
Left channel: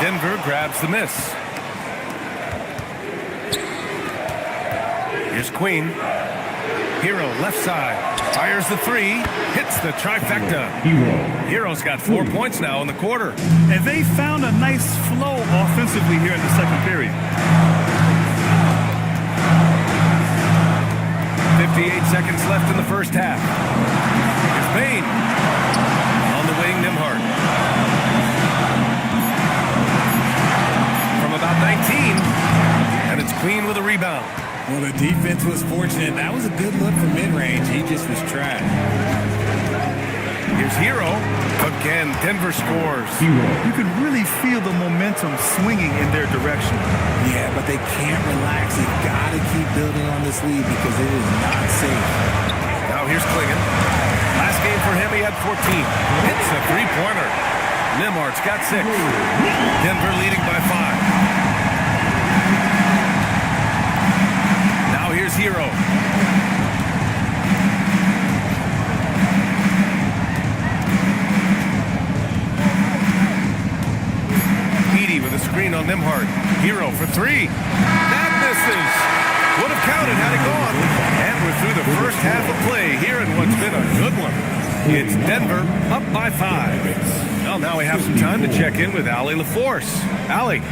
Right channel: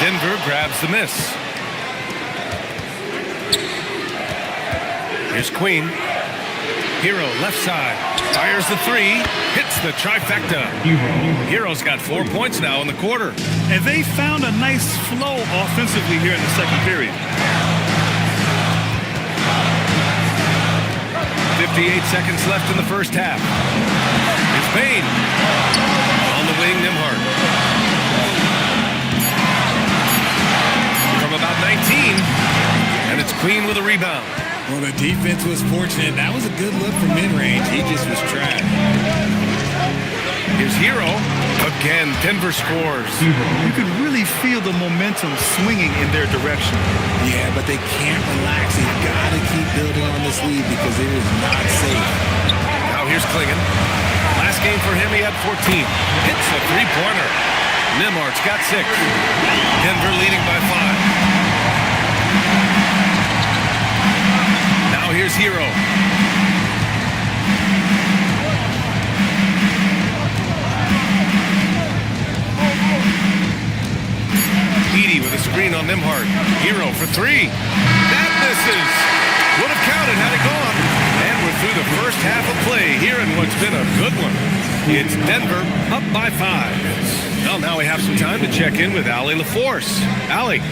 Denver grabs the miss. Here's Queen. Hero left side, fires the 3, hits the trifecta. Hero's got 4 points now in the quarter. And they found a nice flow offensively here in the second period. 58 seconds left in the first half. Here's Bain. On the wing, Nembhard. From about 19, and it's Queen with a rebound. Well, the defense was fortunate. That was a good look from mid-range. He just was trash. Here's Hero. Again, Denver scores. You can really feel the momentum swinging in their direction. Yeah, but they can't relax. They've got to keep building on this lead because it is not safe. Now here's Klingen. Last game for him, he had 14. Hits a three-pointer. Nembhard's got 6. Denver leading by 5. Now here's Hero. Edey with a screen on Nembhard. Hero for 3. That misses. Would have counted had it gone. And we're through the first half of play here in what's been a good one. It's Denver up by 5. Well, now we have some time to check in with Allie LaForce. Allie.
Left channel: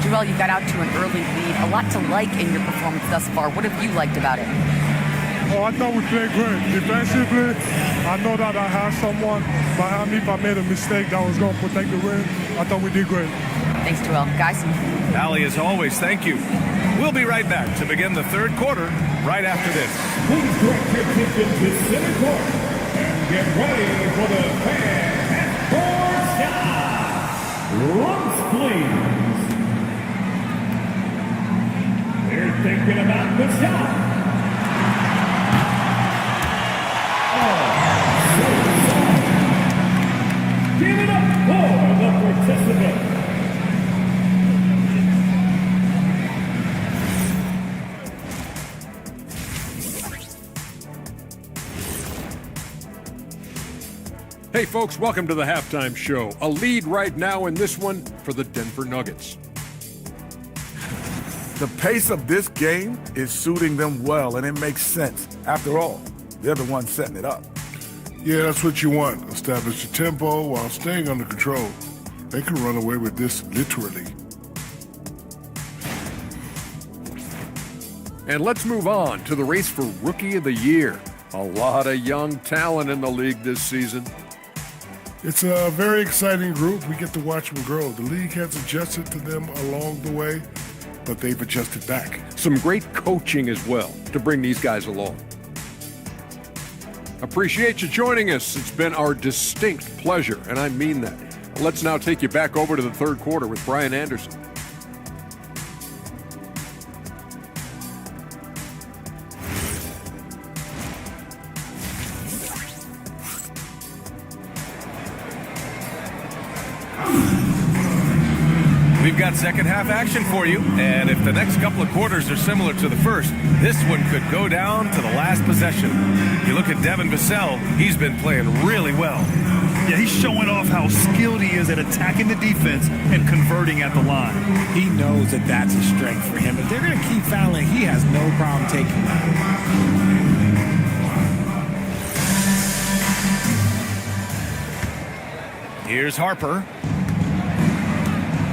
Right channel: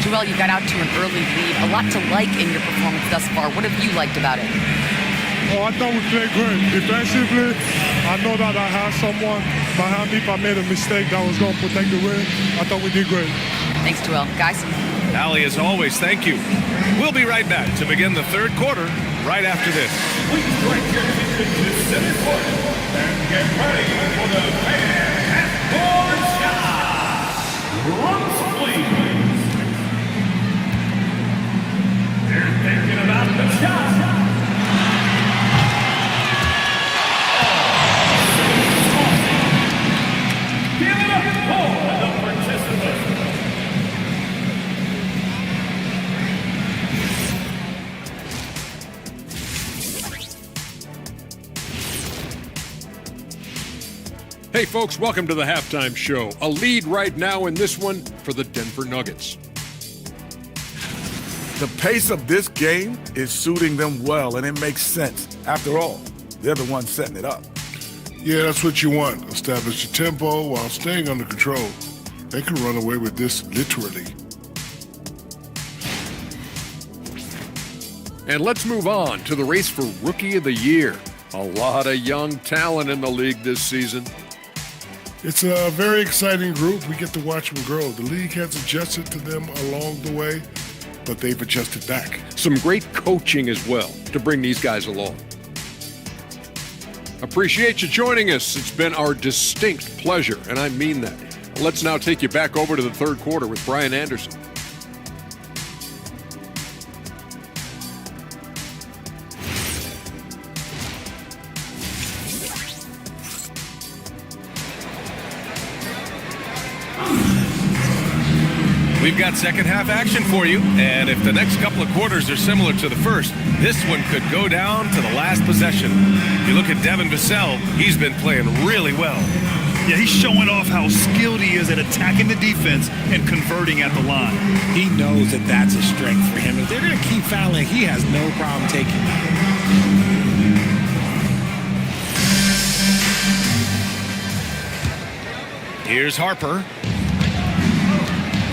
Joel, you got out to an early lead. A lot to like in your performance thus far. What have you liked about it? Oh, I thought we played great. Defensively, I know that I had someone behind me if I made a mistake that was going to protect the rim. I thought we did great. Thanks, Joel. Guys? Allie, as always, thank you. We'll be right back to begin the third quarter right after this. Please direct your attention to center court and get ready for the fan half-court shot. Rumps, please. They're thinking about the shot. Give it up for the participants. Hey folks, welcome to the halftime show. A lead right now in this one for the Denver Nuggets. The pace of this game is suiting them well, and it makes sense. After all, they're the ones setting it up. Yeah, that's what you want. Establish your tempo while staying under control. They can run away with this literally. And let's move on to the race for Rookie of the Year. A lot of young talent in the league this season. It's a very exciting group. We get to watch them grow. The league has adjusted to them along the way, but they've adjusted back. Some great coaching as well to bring these guys along. Appreciate you joining us. It's been our distinct pleasure, and I mean that. Let's now take you back over to the third quarter with Brian Anderson. We've got second half action for you, and if the next couple of quarters are similar to the first, this one could go down to the last possession. You look at Devin Vassell, he's been playing really well. Yeah, he's showing off how skilled he is at attacking the defense and converting at the line. He knows that that's a strength for him. If they're going to keep fouling, he has no problem taking that. Here's Harper.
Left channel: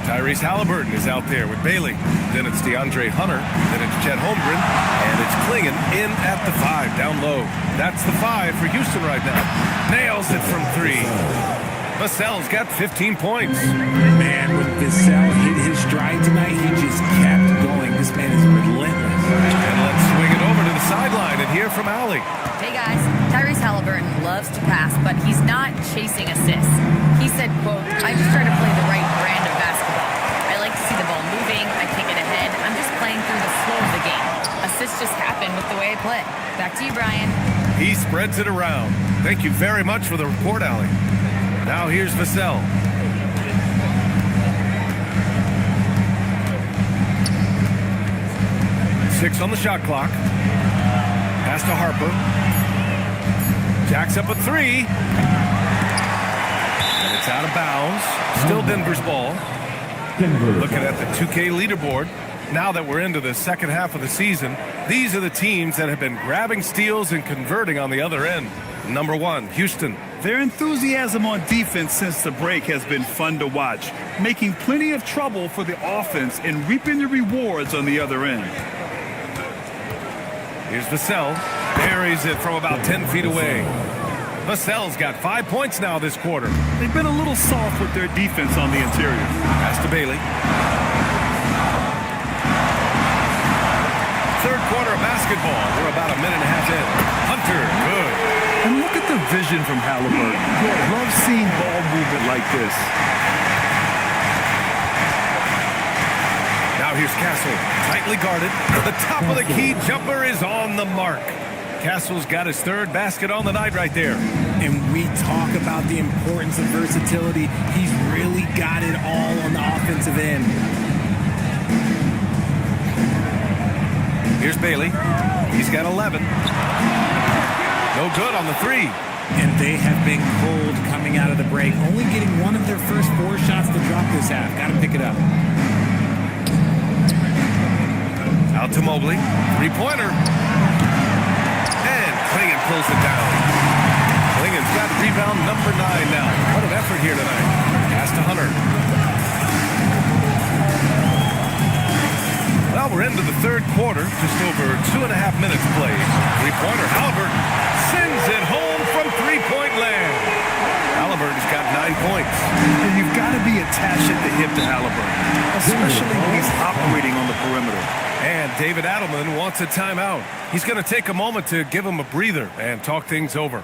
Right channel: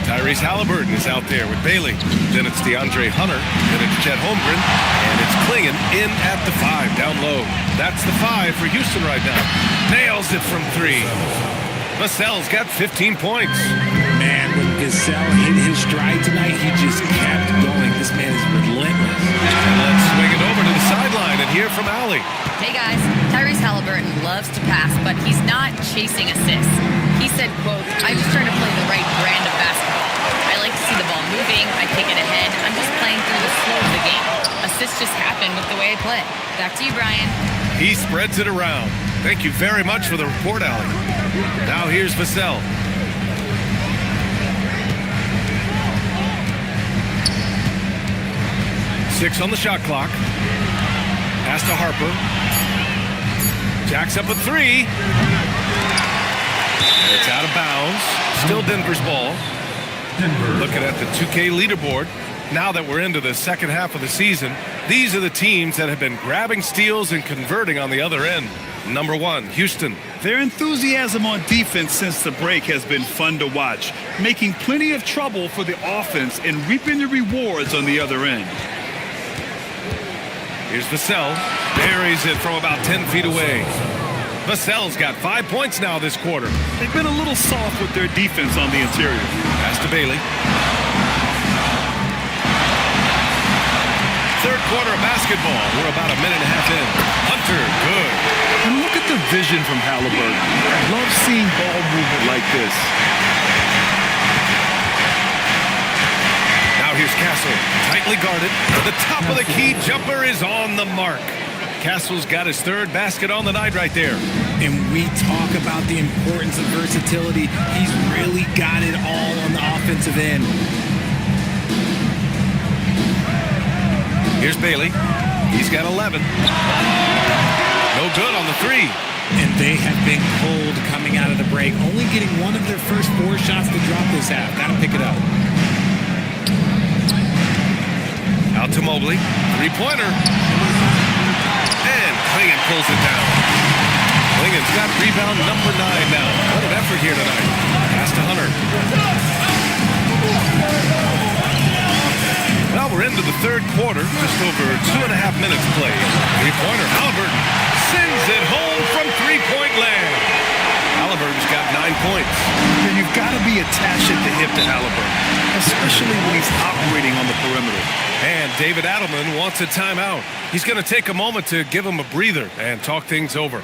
Tyrese Halliburton is out there with Bailey. Then it's DeAndre Hunter. Then it's Chet Holmgren. And it's Klingon in at the 5, down low. That's the 5 for Houston right now. Nails it from 3. Vassell's got 15 points. Man, when Vassell hit his stride tonight, he just kept going. This man is relentless. And let's swing it over to the sideline and hear from Allie. Hey guys, Tyrese Halliburton loves to pass, but he's not chasing assists. He said, quote, I just try to play the right brand of basketball. I like to see the ball moving, I kick it ahead. I'm just playing through the flow of the game. Assists just happen with the way I play. Back to you, Brian. He spreads it around. Thank you very much for the report, Allie. Now here's Vassell. Six on the shot clock. Pass to Harper. Jacks up a 3. And it's out of bounds. Still Denver's ball. Looking at the 2K leaderboard. Now that we're into the second half of the season, these are the teams that have been grabbing steals and converting on the other end. Number 1, Houston. Their enthusiasm on defense since the break has been fun to watch, making plenty of trouble for the offense and reaping the rewards on the other end. Here's Vassell. Buries it from about 10 feet away. Vassell's got 5 points now this quarter. They've been a little soft with their defense on the interior. Pass to Bailey. Third quarter of basketball. We're about a minute and a half in. Hunter, good. And look at the vision from Halliburton. Love seeing ball movement like this. Now here's Castle, tightly guarded. The top of the key jumper is on the mark. Castle's got his third basket on the night right there. And we talk about the importance of versatility. He's really got it all on the offensive end. Here's Bailey. He's got 11. No good on the 3. And they have been cold coming out of the break, only getting one of their first 4 shots to drop this half. Got to pick it up. Out to Mobley. 3-pointer. And Klingon pulls it down. Klingon's got rebound number 9 now. What an effort here tonight. Pass to Hunter. Well, we're into the third quarter. Just over 2.5 minutes played. 3-pointer. Halliburton sends it home from 3-point land. Halliburton's got 9 points. Yeah, you've got to be attached at the hip to Halliburton, especially when he's operating on the perimeter. And David Adelman wants a timeout. He's going to take a moment to give him a breather and talk things over.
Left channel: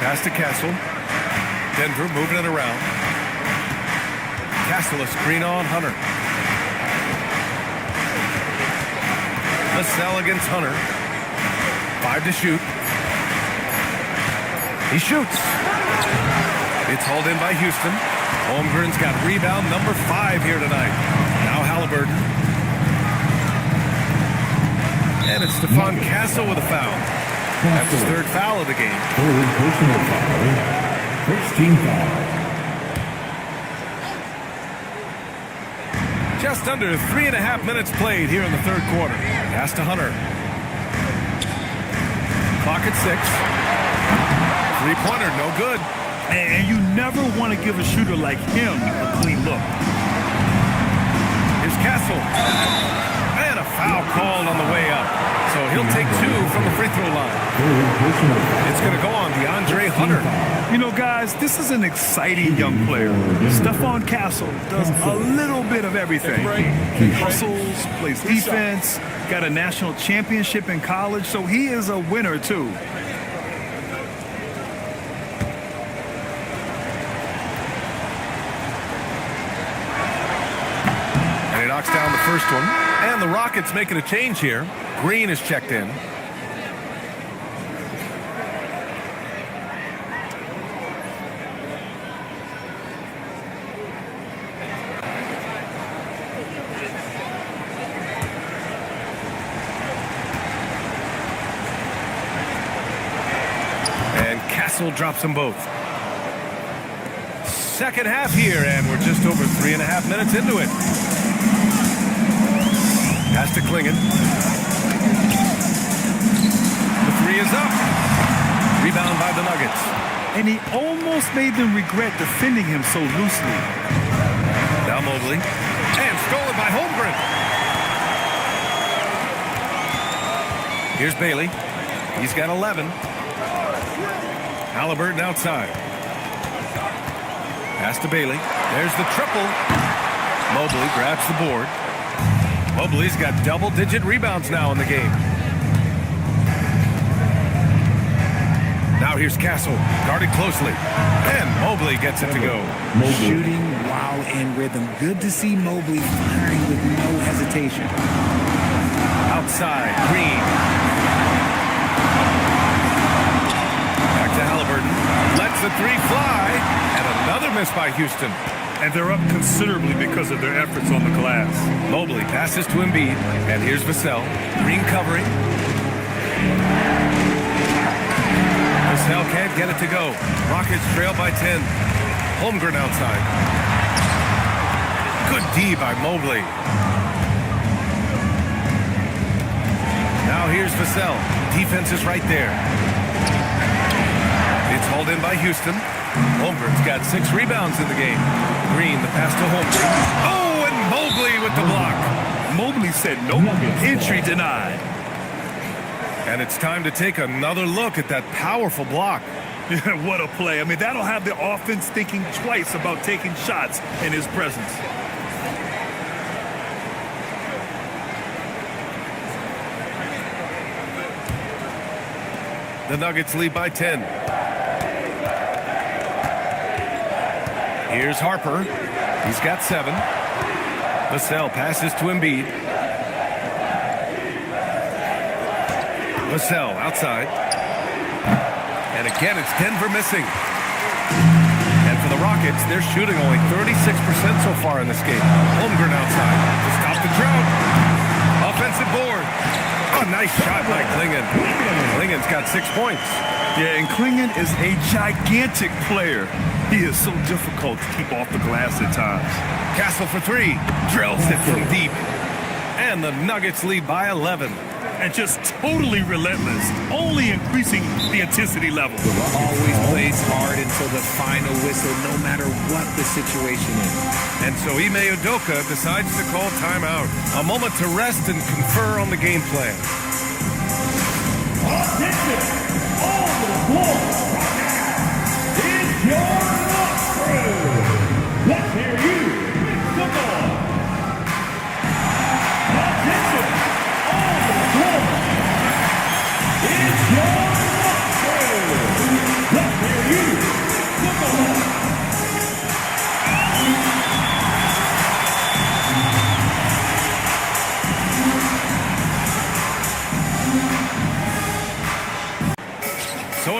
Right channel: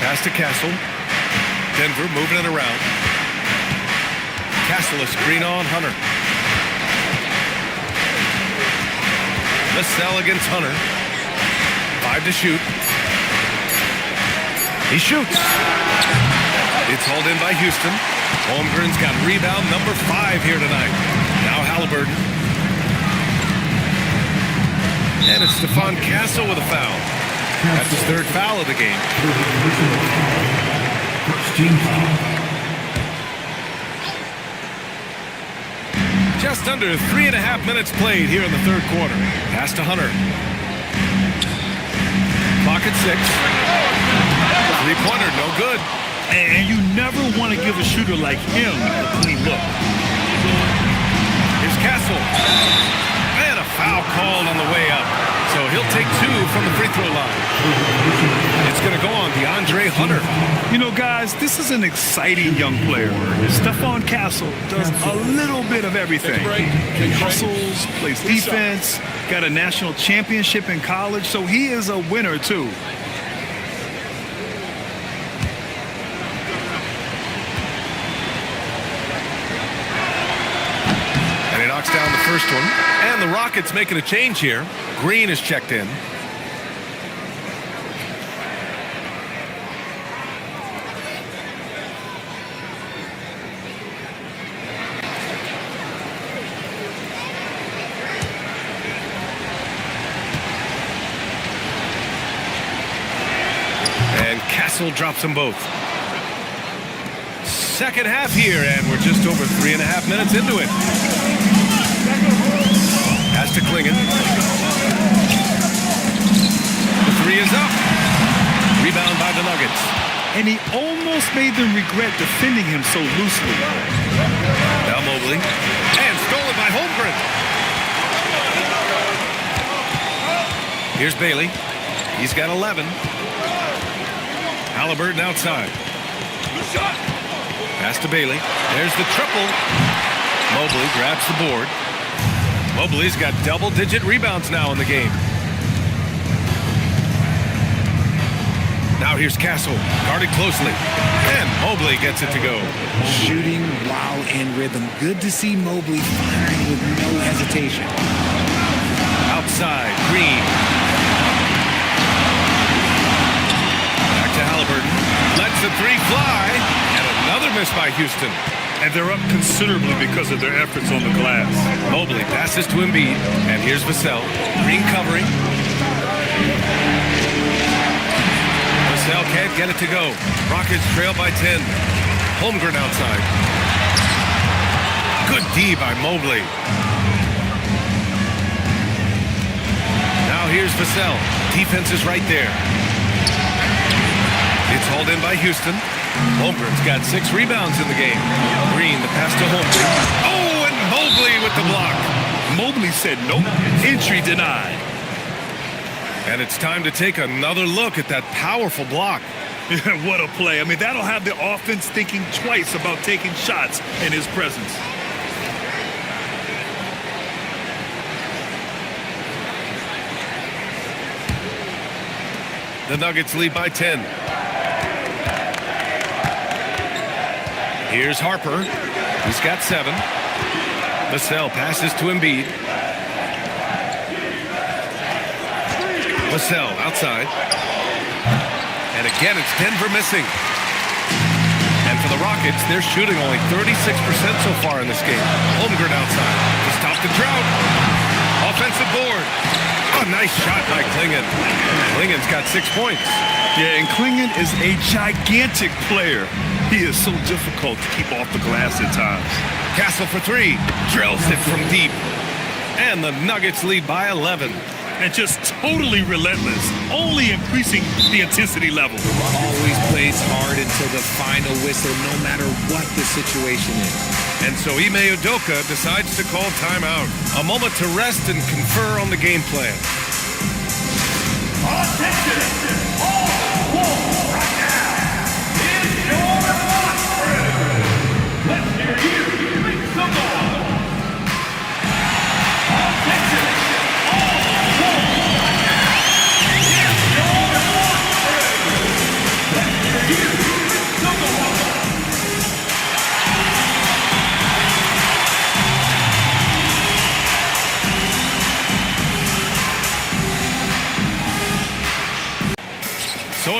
Pass to Castle. Denver moving it around. Castle a screen on Hunter. Vassell against Hunter. 5 to shoot. He shoots. It's hauled in by Houston. Holmgren's got rebound number 5 here tonight. Now Halliburton. And it's Stephon Castle with a foul. That's his 3rd foul of the game. Third personal foul. First team foul. Just under 3.5 minutes played here in the 3rd quarter. Pass to Hunter. Clock at 6. 3-pointer, no good. And you never want to give a shooter like him a clean look. Here's Castle. And a foul called on the way up. So he'll take 2 from the free throw line. It's going to go on DeAndre Hunter. You know, guys, this is an exciting young player. Stephon Castle does a little bit of everything. He hustles, plays defense, got a national championship in college, so he is a winner, too. And he knocks down the first one. And the Rockets making a change here. Green is checked in. And Castle drops them both. Second half here, and we're just over 3.5 minutes into it. Pass to Klingon. The 3 is up. Rebound by the Nuggets. And he almost made them regret defending him so loosely. Now Mobley. And stolen by Holmgren. Here's Bailey. He's got 11. Halliburton outside. Pass to Bailey. There's the triple. Mobley grabs the board. Mobley's got double-digit rebounds now in the game. Now here's Castle, guarded closely. And Mobley gets it to go. Shooting while in rhythm. Good to see Mobley firing with no hesitation. Outside, Green. Back to Halliburton. Lets the 3 fly. And another miss by Houston. And they're up considerably because of their efforts on the glass. Mobley passes to Embiid. And here's Vassell. Green covering. Vassell can't get it to go. Rockets trail by 10. Holmgren outside. Good D by Mobley. Now here's Vassell. Defense is right there. It's hauled in by Houston. Holmgren's got 6 rebounds in the game. Green, the pass to Holmgren. Oh, and Mobley with the block. Mobley said nope. Entry denied. And it's time to take another look at that powerful block. What a play. I mean, that'll have the offense thinking twice about taking shots in his presence. The Nuggets lead by 10. Here's Harper. He's got 7. Vassell passes to Embiid. Vassell outside. And again, it's Denver missing. And for the Rockets, they're shooting only 36% so far in this game. Holmgren outside to stop the drought. Offensive board. Oh, nice shot by Klingon. Klingon's got 6 points. Yeah, and Klingon is a gigantic player. He is so difficult to keep off the glass at times. Castle for 3. Drills it from deep. And the Nuggets lead by 11. And just totally relentless, only increasing the intensity level. Always plays hard until the final whistle, no matter what the situation is. And so Ime Udoka decides to call timeout. A moment to rest and confer on the game plan. Attention! All the floor right now is your lunch crew. Let's hear you make some noise. Attention! All the floor right now is your lunch crew. Let's hear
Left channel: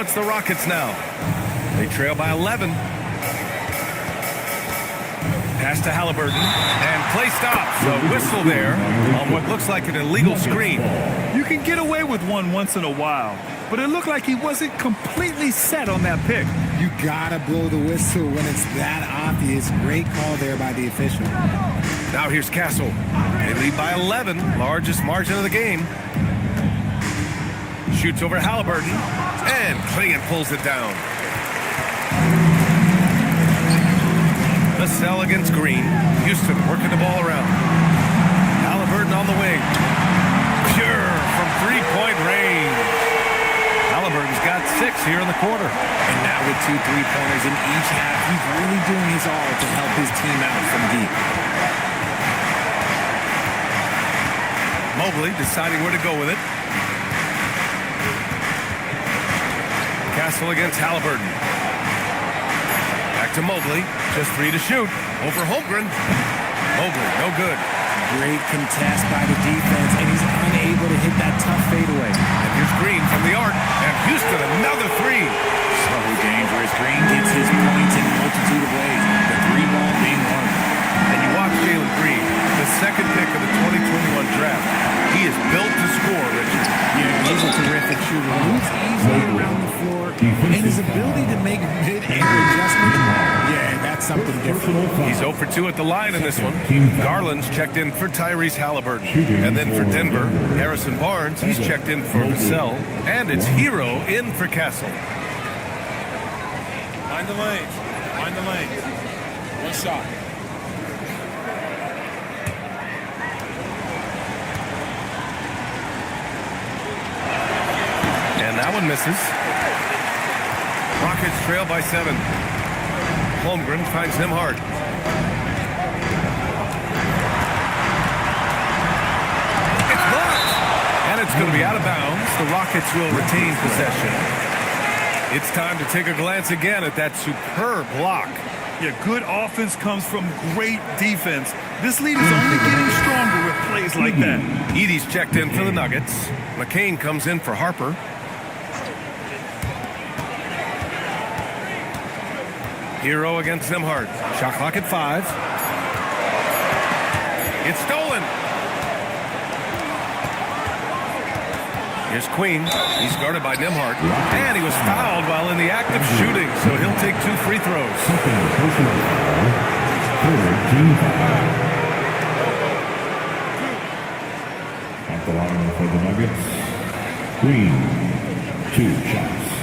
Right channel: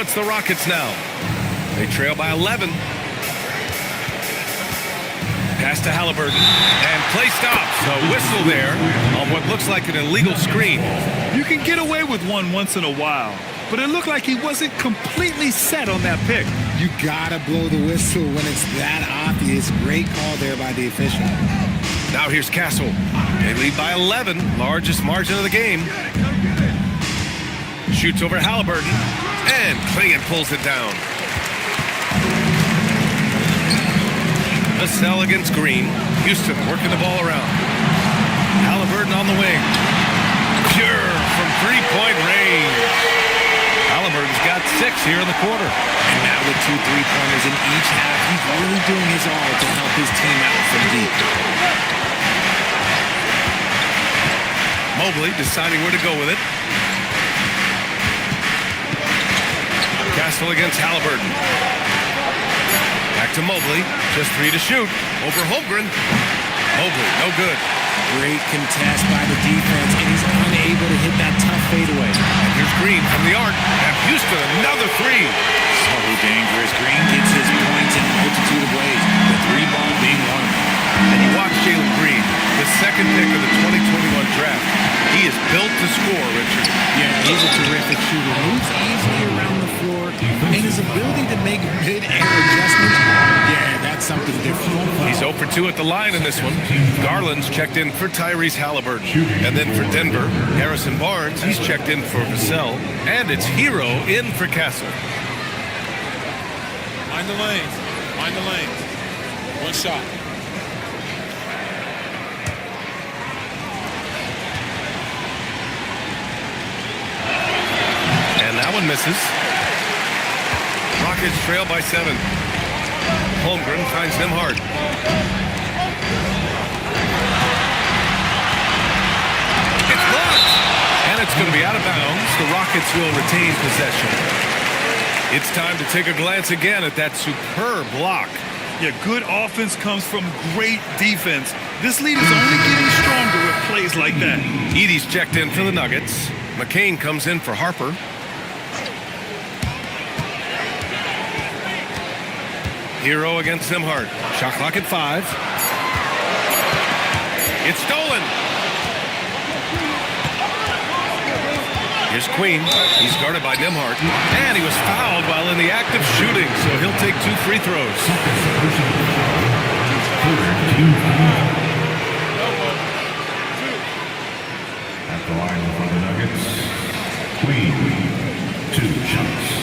So it's the Rockets now. They trail by 11. Pass to Halliburton, and play stops. A whistle there on what looks like an illegal screen. You can get away with one once in a while, but it looked like he wasn't completely set on that pick. You gotta blow the whistle when it's that obvious. Great call there by the official. Now here's Castle. They lead by 11, largest margin of the game. Shoots over Halliburton, and Klingon pulls it down. Vassell against Green. Houston working the ball around. Halliburton on the wing. Pure from three-point range. Halliburton's got 6 here in the quarter. And now with 2 3-pointers in each half, he's really doing his all to help his team out from deep. Mobley deciding where to go with it. Castle against Halliburton. Back to Mobley. Just 3 to shoot. Over Holmgren. Mobley, no good. Great contest by the defense, and he's unable to hit that tough fadeaway. And here's Green from the arc. And Houston, another 3. So dangerous. Green gets his points in a multitude of ways, the 3-ball being one of them. And you watch Jalen Green, the second pick of the 2021 draft. He is built to score, Richard. Yeah, he's a terrific shooter. Moves easily around the floor, and his ability to make mid-air adjustments, yeah, that's something different. He's 0 for 2 at the line in this one. Garland's checked in for Tyrese Halliburton. And then for Denver, Harrison Barnes, he's checked in for Vassell. And it's Hero in for Castle. Mind the lanes. Mind the lanes. One shot. And that one misses. Rockets trail by 7. Holmgren finds Nembhard. It's blocked! And it's going to be out of bounds. The Rockets will retain possession. It's time to take a glance again at that superb block. Yeah, good offense comes from great defense. This lead is only getting stronger with plays like that. Edey's checked in for the Nuggets. McCain comes in for Harper. Hero against Nembhard. Shot clock at 5. It's stolen. Here's Queen. He's guarded by Nembhard. And he was fouled while in the act of shooting, so he'll take 2 free throws. At the line for the Nuggets, Queen, 2 shots.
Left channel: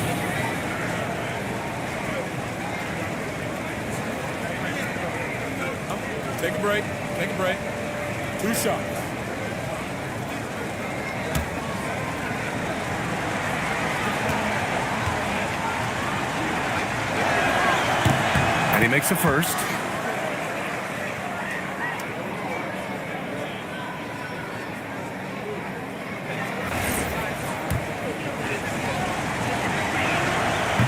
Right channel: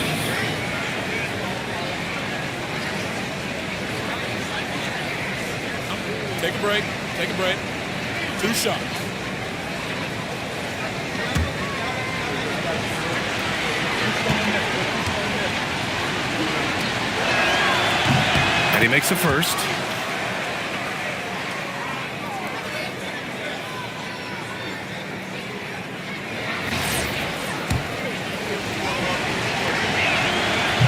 Take a break. Take a break. 2 shots. And he makes the first.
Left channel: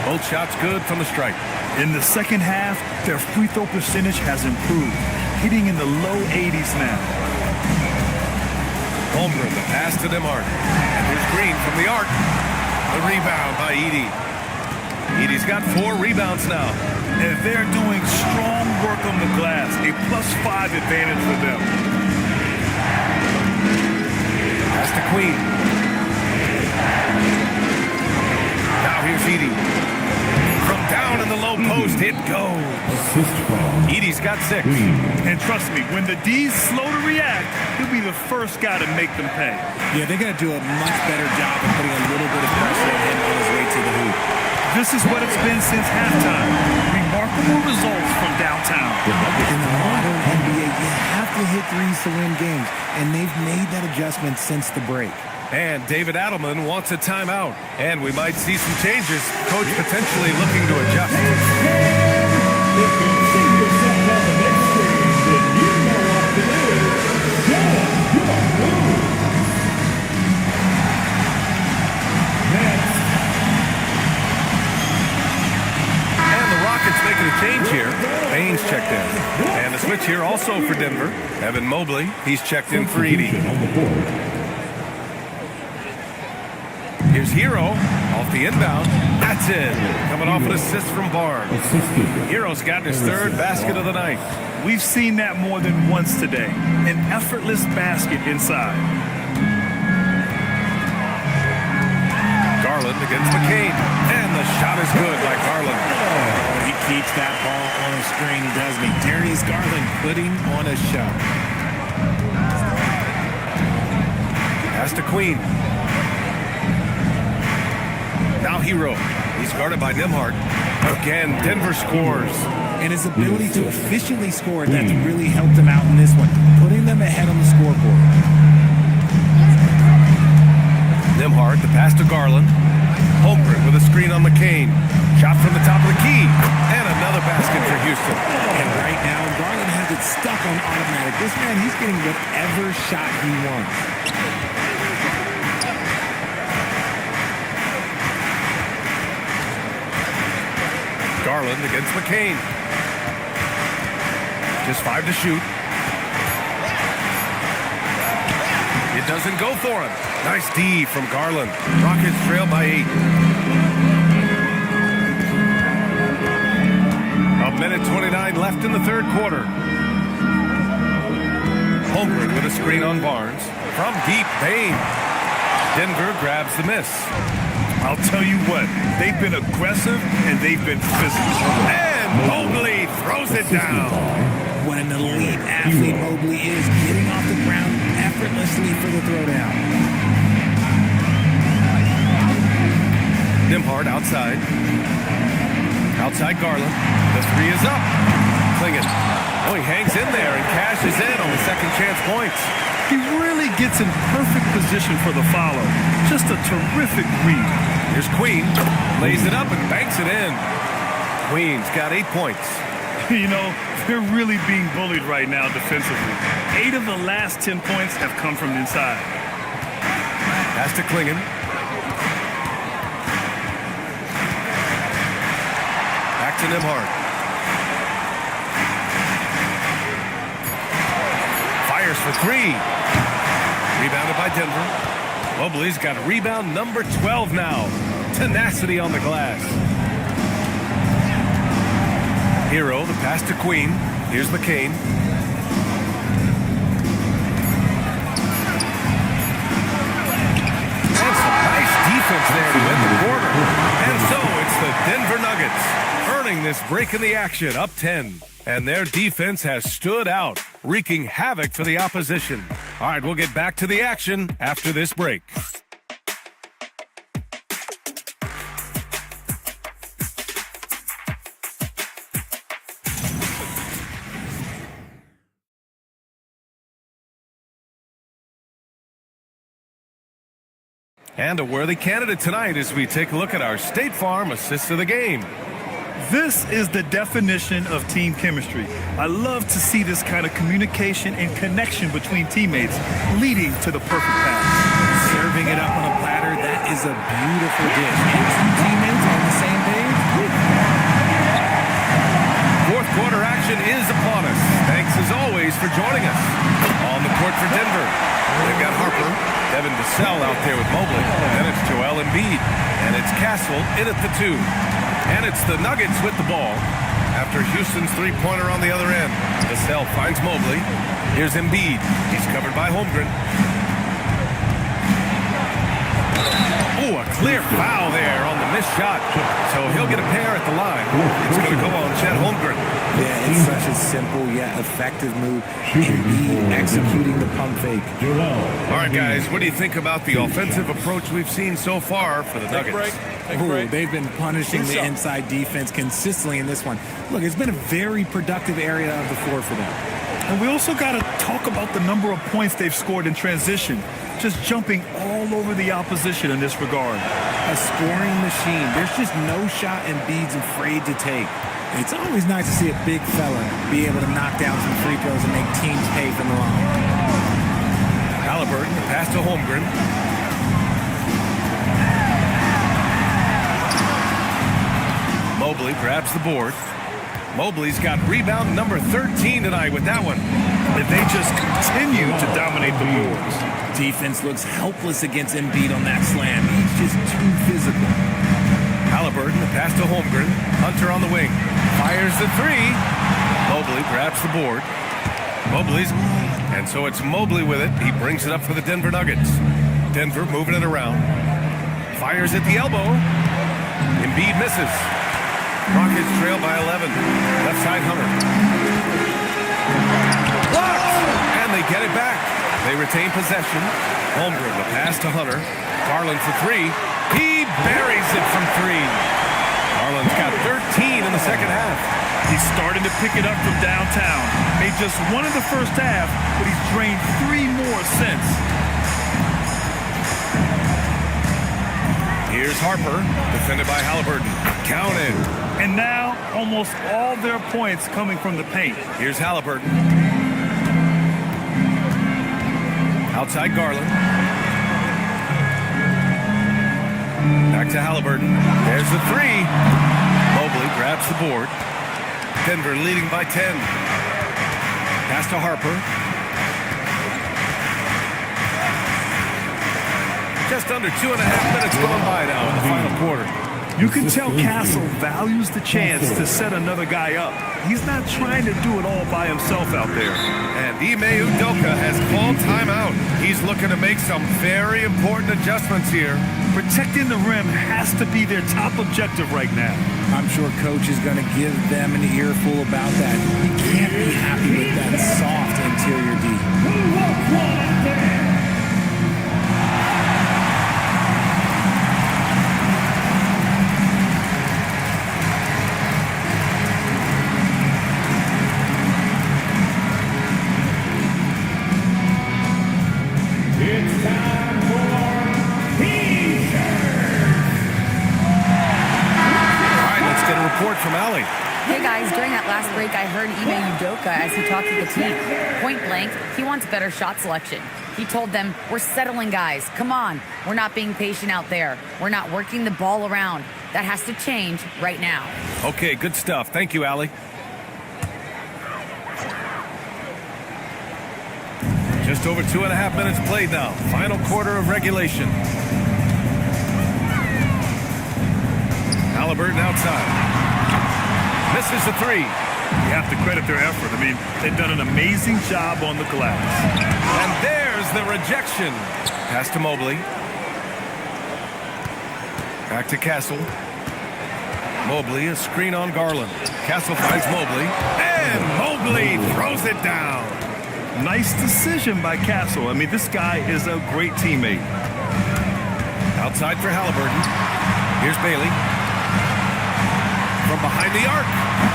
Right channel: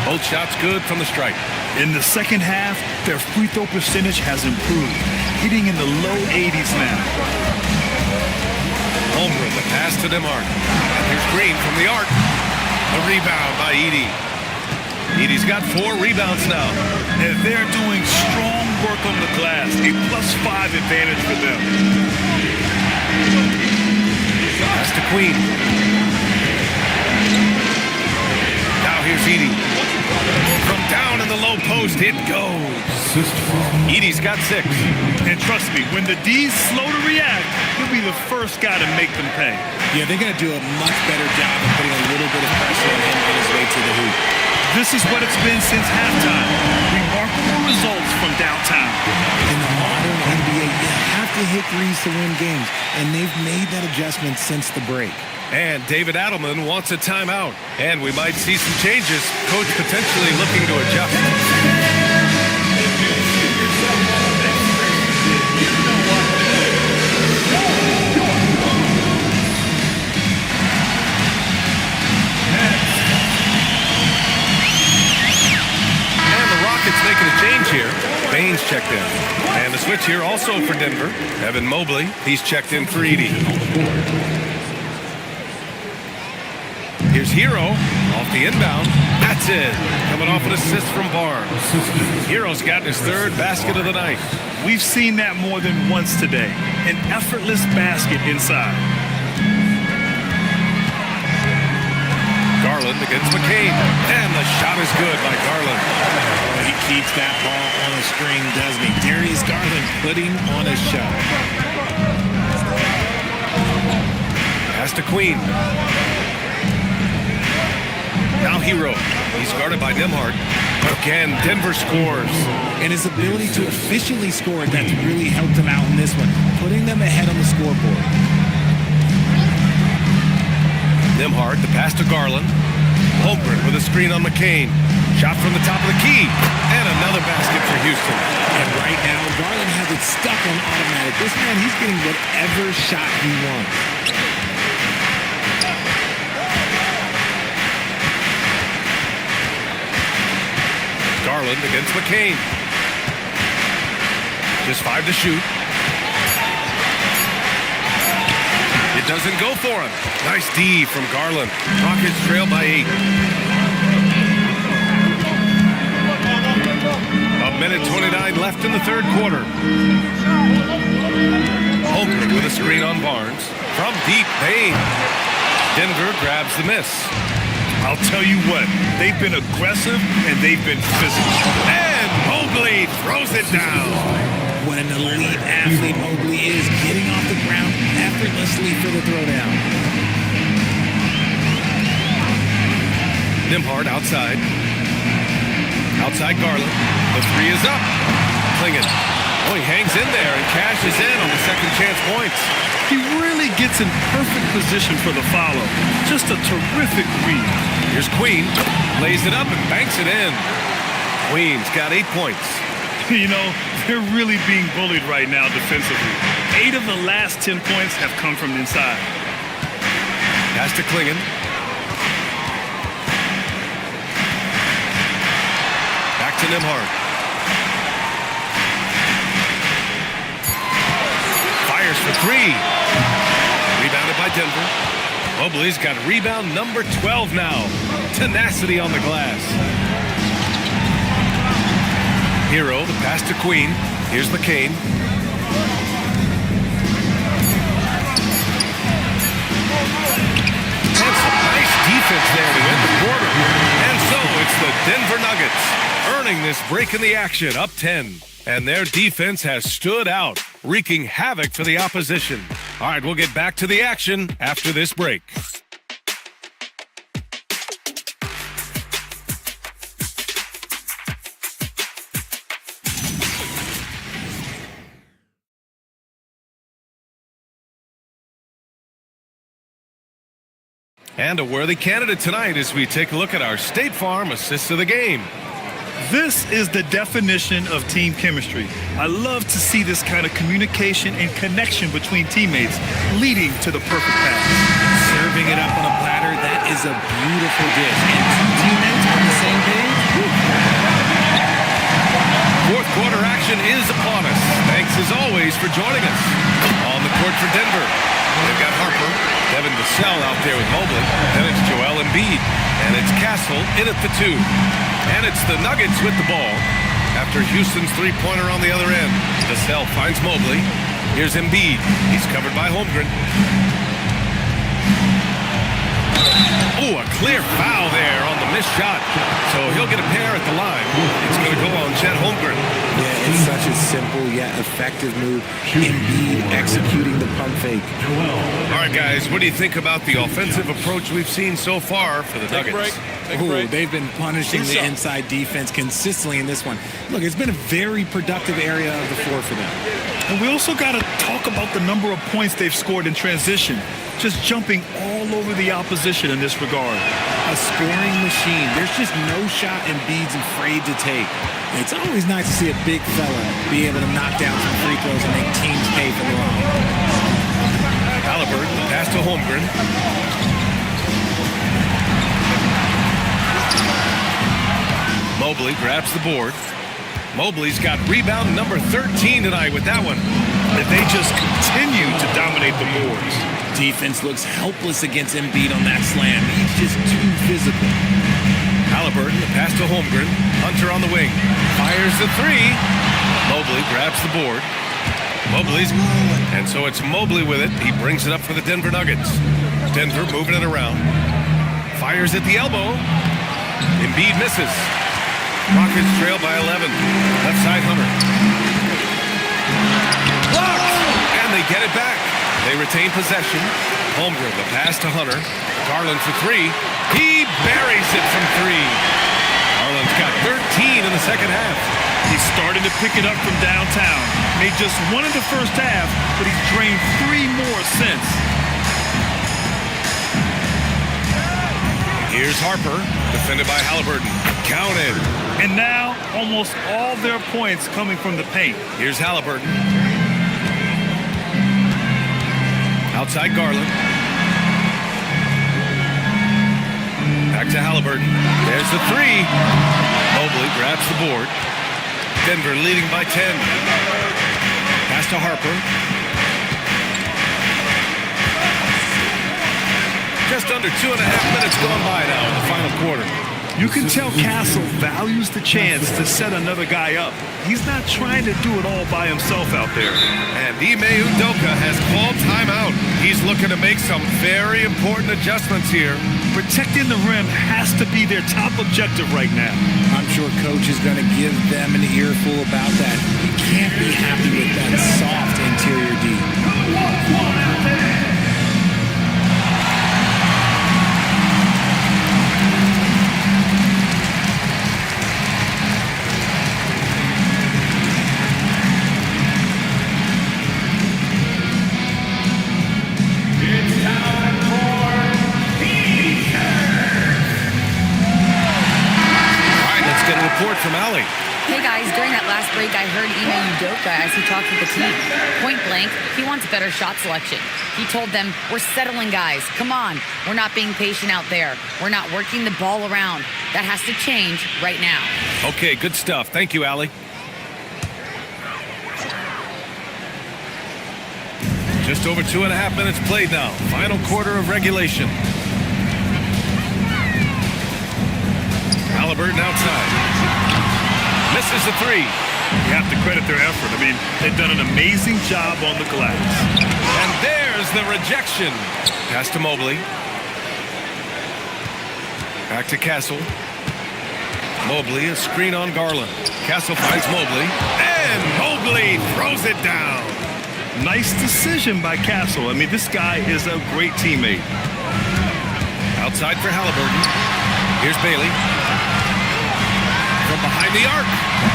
Both shots good from the stripe. In the second half, their free throw percentage has improved, hitting in the low 80s now. Holmgren, the pass to Nembhard. And here's Green from the arc. The rebound by Edey. Edey's got 4 rebounds now. And they're doing strong work on the glass, a +5 advantage for them. Pass to Queen. Now here's Edey. From down in the low post, it goes. Edey's got 6. And trust me, when the D's slow to react, he'll be the first guy to make them pay. Yeah, they're going to do a much better job of putting a little bit of pressure on him on his way to the hoop. This is what it's been since halftime. Remarkable results from downtown. In the modern NBA, you have to hit threes to win games, and they've made that adjustment since the break. And David Adelman wants a timeout. And we might see some changes. Coach potentially looking to adjust. Rockets making a change here. Baines checked in. And the switch here also for Denver. Evan Mobley, he's checked in for Edey. Here's Hero off the inbound. That's That's it. Coming off an assist from Barnes. Hero's got his third basket of the night. We've seen that more than once today. An effortless basket inside. Garland against McCain. And the shot is good by Garland. Oh, he keeps that ball on a string, doesn't he? Darius Garland putting on a show. Pass to Queen. Now Hero. He's guarded by Nembhard. Again, Denver scores. And his ability to efficiently score, that's really helped him out in this one, putting them ahead on the scoreboard. Nembhard, the pass to Garland. Holmgren with a screen on McCain. Shot from the top of the key. And another basket for Houston. And right now, Garland has it stuck on automatic. This man, he's getting whatever shot he wants. Garland against McCain. Just 5 to shoot. It doesn't go for him. Nice D from Garland. Rockets trail by 8. A minute 29 left in the third quarter. Holmgren with a screen on Barnes. From deep, Bain. Denver grabs the miss. I'll tell you what, they've been aggressive and they've been physical. And Mobley throws it down. What an elite athlete Mobley is, getting off the ground effortlessly for the throwdown. Nembhard outside. Outside Garland. The 3 is up. Klingon. Oh, he hangs in there and cashes in on the second chance points. He really gets in perfect position for the follow. Just a terrific read. Here's Queen. Lays it up and banks it in. Queen's got 8 points. You know, they're really being bullied right now defensively. 8 of the last 10 points have come from inside. Pass to Klingon. Back to Nembhard. Fires for 3. Rebounded by Denver. Mobley's got rebound number 12 now. Tenacity on the glass. Hero, the pass to Queen. Here's McCain. And some nice defense there to end the quarter. And so it's the Denver Nuggets earning this break in the action, up 10. And their defense has stood out, wreaking havoc for the opposition. All right, we'll get back to the action after this break. And a worthy candidate tonight as we take a look at our State Farm assist of the game. This is the definition of team chemistry. I love to see this kind of communication and connection between teammates leading to the perfect pass. Serving it up on a platter, that is a beautiful dish. And 2 teammates on the same page. Fourth quarter action is upon us. Thanks as always for joining us. On the court for Denver, they've got Harper, Devin Vassell out there with Mobley. Then it's Joel Embiid. And it's Castle in at the 2. And it's the Nuggets with the ball after Houston's three-pointer on the other end. Vassell finds Mobley. Here's Embiid. He's covered by Holmgren. Oh, a clear foul there on the missed shot. So he'll get a pair at the line. It's going to go on Chet Holmgren. Yeah, it's such a simple yet effective move. Embiid executing the pump fake. All right, guys, what do you think about the offensive approach we've seen so far for the Nuggets? Ooh, they've been punishing the inside defense consistently in this one. Look, it's been a very productive area of the floor for them. And we also got to talk about the number of points they've scored in transition. Just jumping all over the opposition in this regard. A scoring machine. There's just no shot Embiid's afraid to take. It's always nice to see a big fella be able to knock down some free throws and make teams pay for the line. Halliburton, the pass to Holmgren. Mobley grabs the board. Mobley's got rebound number 13 tonight with that one. And they just continue to dominate the boards. Defense looks helpless against Embiid on that slam. He's just too physical. Halliburton, the pass to Holmgren. Hunter on the wing. Fires the three. Mobley grabs the board. Mobley's, and so it's Mobley with it. He brings it up for the Denver Nuggets. Denver moving it around. Fires at the elbow. Embiid misses. Rockets trail by 11. Left side Hunter. Blocked! And they get it back. They retain possession. Holmgren, the pass to Hunter. Garland for three. He buries it from three. Garland's got 13 in the second half. He's starting to pick it up from downtown. Made just one in the first half, but he's drained 3 more since. Here's Harper, defended by Halliburton. Counted. And now, almost all their points coming from the paint. Here's Halliburton. Outside Garland. Back to Halliburton. There's the three. Mobley grabs the board. Denver leading by 10. Pass to Harper. Just under 2.5 minutes gone by now in the final quarter. You can tell Castle values the chance to set another guy up. He's not trying to do it all by himself out there. And Ime Udoka has called timeout. He's looking to make some very important adjustments here. Protecting the rim has to be their top objective right now. I'm sure Coach is going to give them an earful about that. He can't be happy with that soft interior D. It's time for T-shirts. All right, let's get a report from Allie. Hey guys, during that last break, I heard Ime Udoka as he talked with the team. Point blank, he wants better shot selection. He told them, we're settling guys. Come on. We're not being patient out there. We're not working the ball around. That has to change right now. Okay, good stuff. Thank you, Allie. Just over 2.5 minutes played now. Final quarter of regulation. Halliburton outside. Misses the three. You have to credit their effort. I mean, they've done an amazing job on the glass. And there's the rejection. Pass to Mobley. Back to Castle. Mobley, a screen on Garland. Castle finds Mobley. And Mobley throws it down. Nice decision by Castle. I mean, this guy is a great teammate. Outside for Halliburton. Here's Bailey. From behind the arc.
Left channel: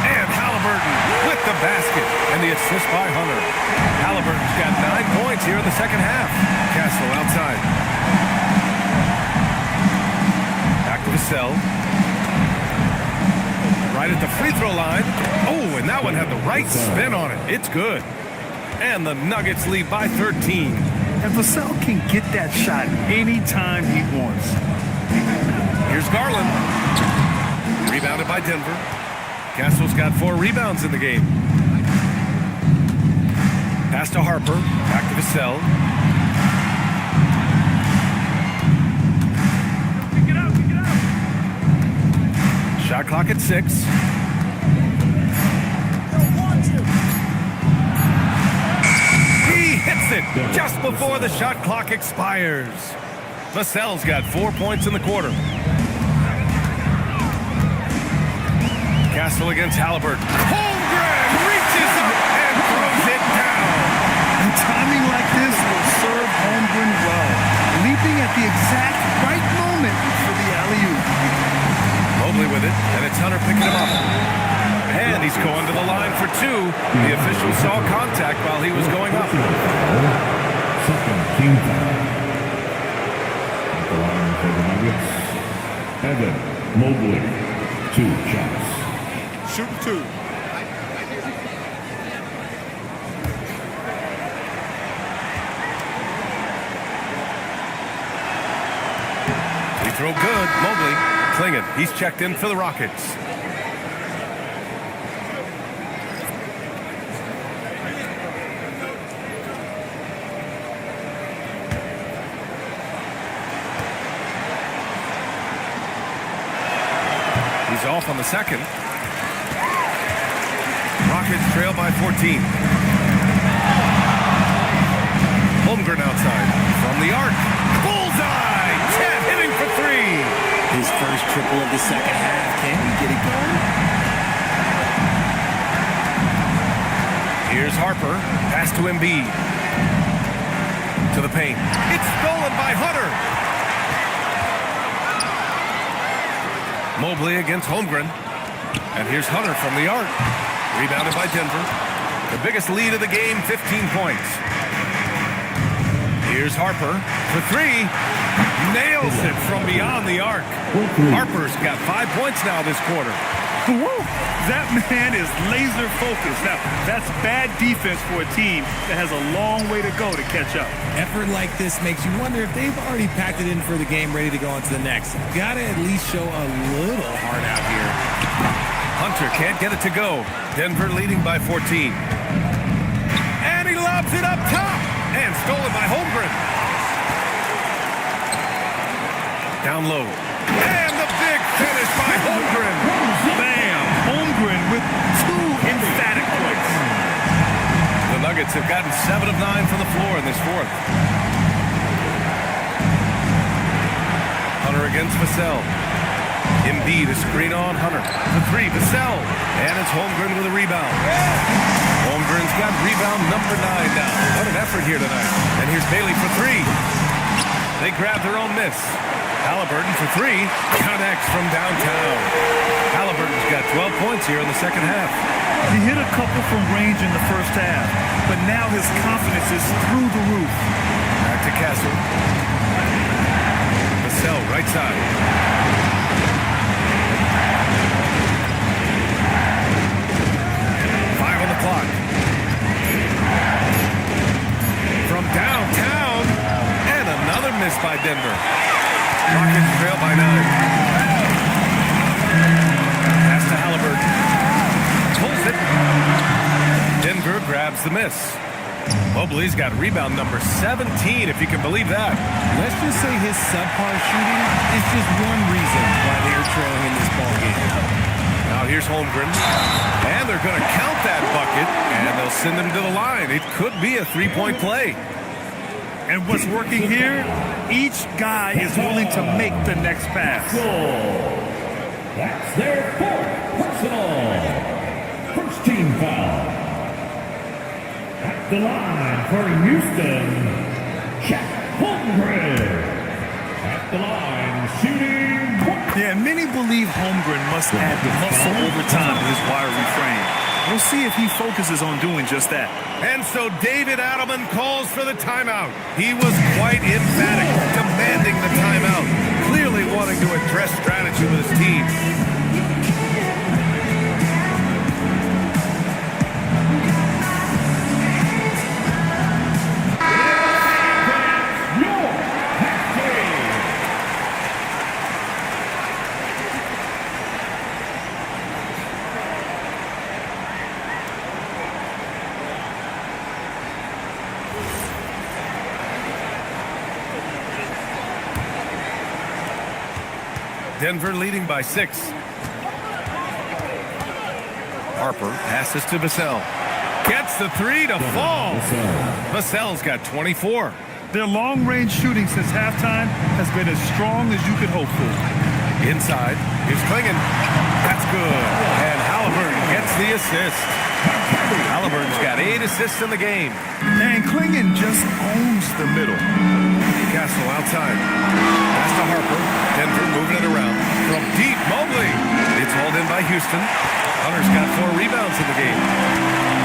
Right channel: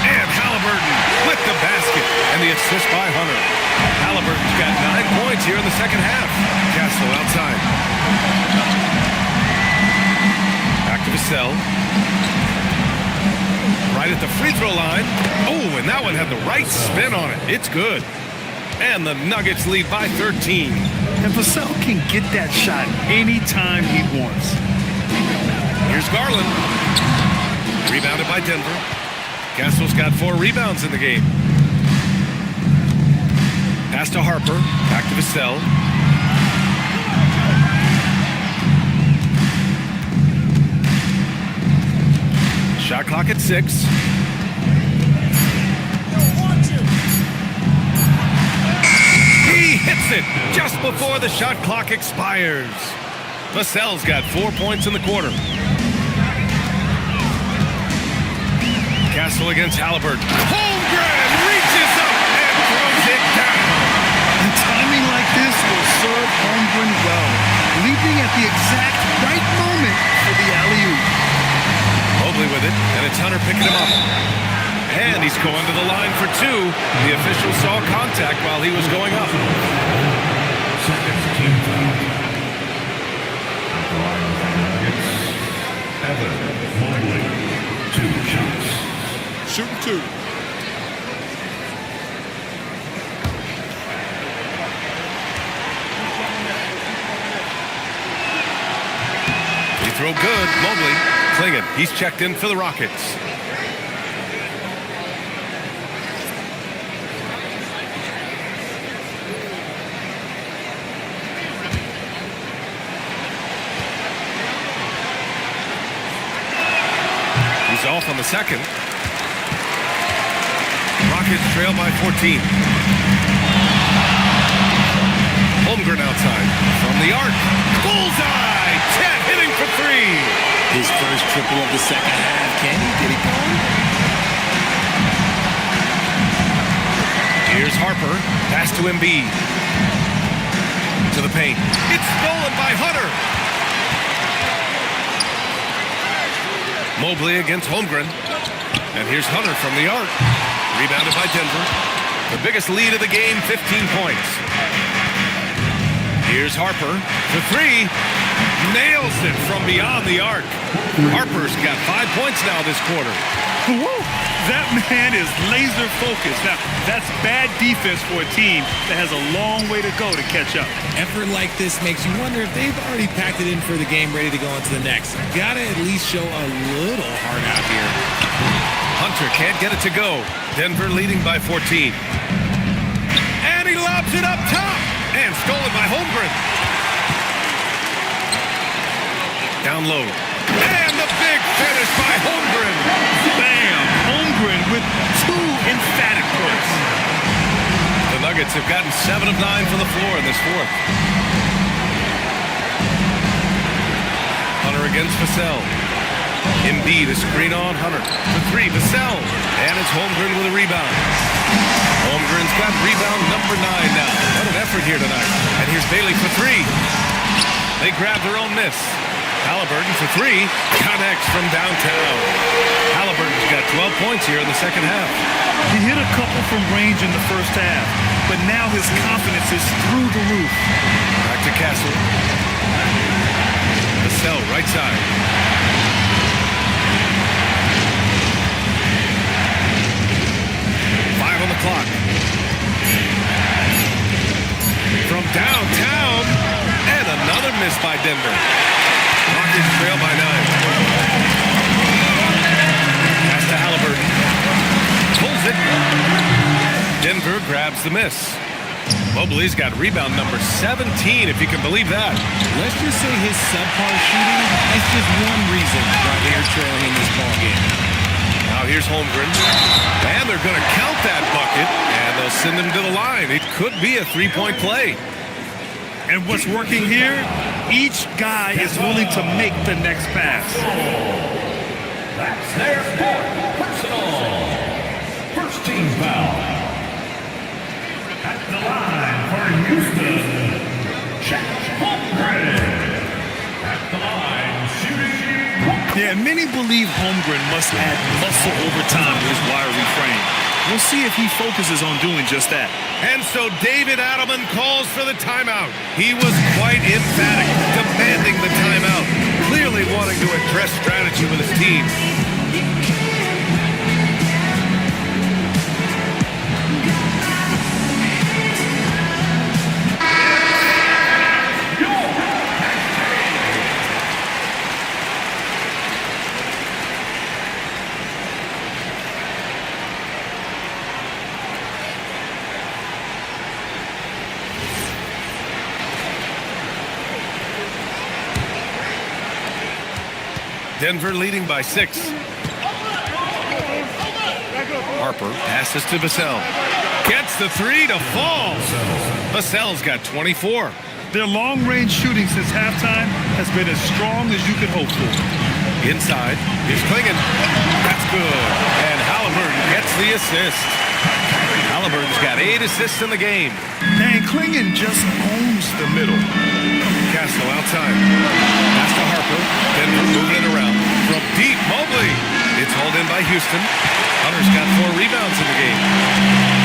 And Halliburton with the basket. And the assist by Hunter. Halliburton's got 9 points here in the second half. Castle outside. Back to Vassell. Right at the free throw line. Oh, and that one had the right spin on it. It's good. And the Nuggets lead by 13. And Vassell can get that shot anytime he wants. Here's Garland. Rebounded by Denver. Castle's got 4 rebounds in the game. Pass to Harper. Back to Vassell. Shot clock at 6. He hits it just before the shot clock expires. Vassell's got 4 points in the quarter. Castle against Halliburton. Holmgren reaches up and throws it down. And timing like this will serve Holmgren well. Leaping at the exact right moment for the alley-oop. Mobley with it, and it's Hunter picking him up. And he's going to the line for 2. The official saw contact while he was going up. Second team foul. At the line for the Nuggets, Evan Mobley. 2 shots. Shooting 2. Free throw good. Mobley. Klingon. He's checked in for the Rockets. He's off on the second. Rockets trail by 14. Holmgren outside from the arc. Bullseye! Chet hitting for three. His first triple of the second half. Can he get it going? Here's Harper. Pass to Embiid. To the paint. It's stolen by Hunter. Mobley against Holmgren. And here's Hunter from the arc. Rebounded by Denver. The biggest lead of the game, 15 points. Here's Harper for three. Nails it from beyond the arc. Harper's got 5 points now this quarter. Woo! That man is laser focused. Now, that's bad defense for a team that has a long way to go to catch up. Effort like this makes you wonder if they've already packed it in for the game ready to go on to the next. Gotta at least show a little heart out here. Hunter can't get it to go. Denver leading by 14. And he lobs it up top. And stolen by Holmgren. Down low. And the big finish by Holmgren. Bam! Holmgren with 2 emphatic points. The Nuggets have gotten 7 of 9 from the floor in this fourth. Hunter against Vassell. Embiid a screen on Hunter. For three, Vassell. And it's Holmgren with a rebound. Holmgren's got rebound number 9 now. What an effort here tonight. And here's Bailey for three. They grab their own miss. Halliburton for three. Connects from downtown. Halliburton's got 12 points here in the second half. He hit a couple from range in the first half, but now his confidence is through the roof. Back to Castle. Vassell, right side. On the clock. From downtown, and another miss by Denver. Rockets trail by 9. Pass to Halliburton. Pulls it. Denver grabs the miss. Mobley's got rebound number 17, if you can believe that. Let's just say his subpar shooting is just one reason why they're trailing in this ball game. Now here's Holmgren, and they're going to count that bucket, and they'll send him to the line. It could be a three-point play. And what's working here, each guy is willing to make the next pass. That's their 4th personal. First team foul. At the line for Houston, Chet Holmgren. At the line, shooting. Yeah, many believe Holmgren must add muscle over time to his wiry frame. We'll see if he focuses on doing just that. And so David Adelman calls for the timeout. He was quite emphatic, demanding the timeout, clearly wanting to address strategy with his team. Denver leading by 6. Harper passes to Vassell. Gets the three to fall. Vassell's got 24. Their long-range shooting since halftime has been as strong as you could hope for. Inside, here's Klingon. That's good. And Halliburton gets the assist. Halliburton's got 8 assists in the game. And Klingon just owns the middle. Castle outside. Pass to Harper. Denver moving it around. From deep, Mobley. It's hauled in by Houston. Hunter's got 4 rebounds in the game.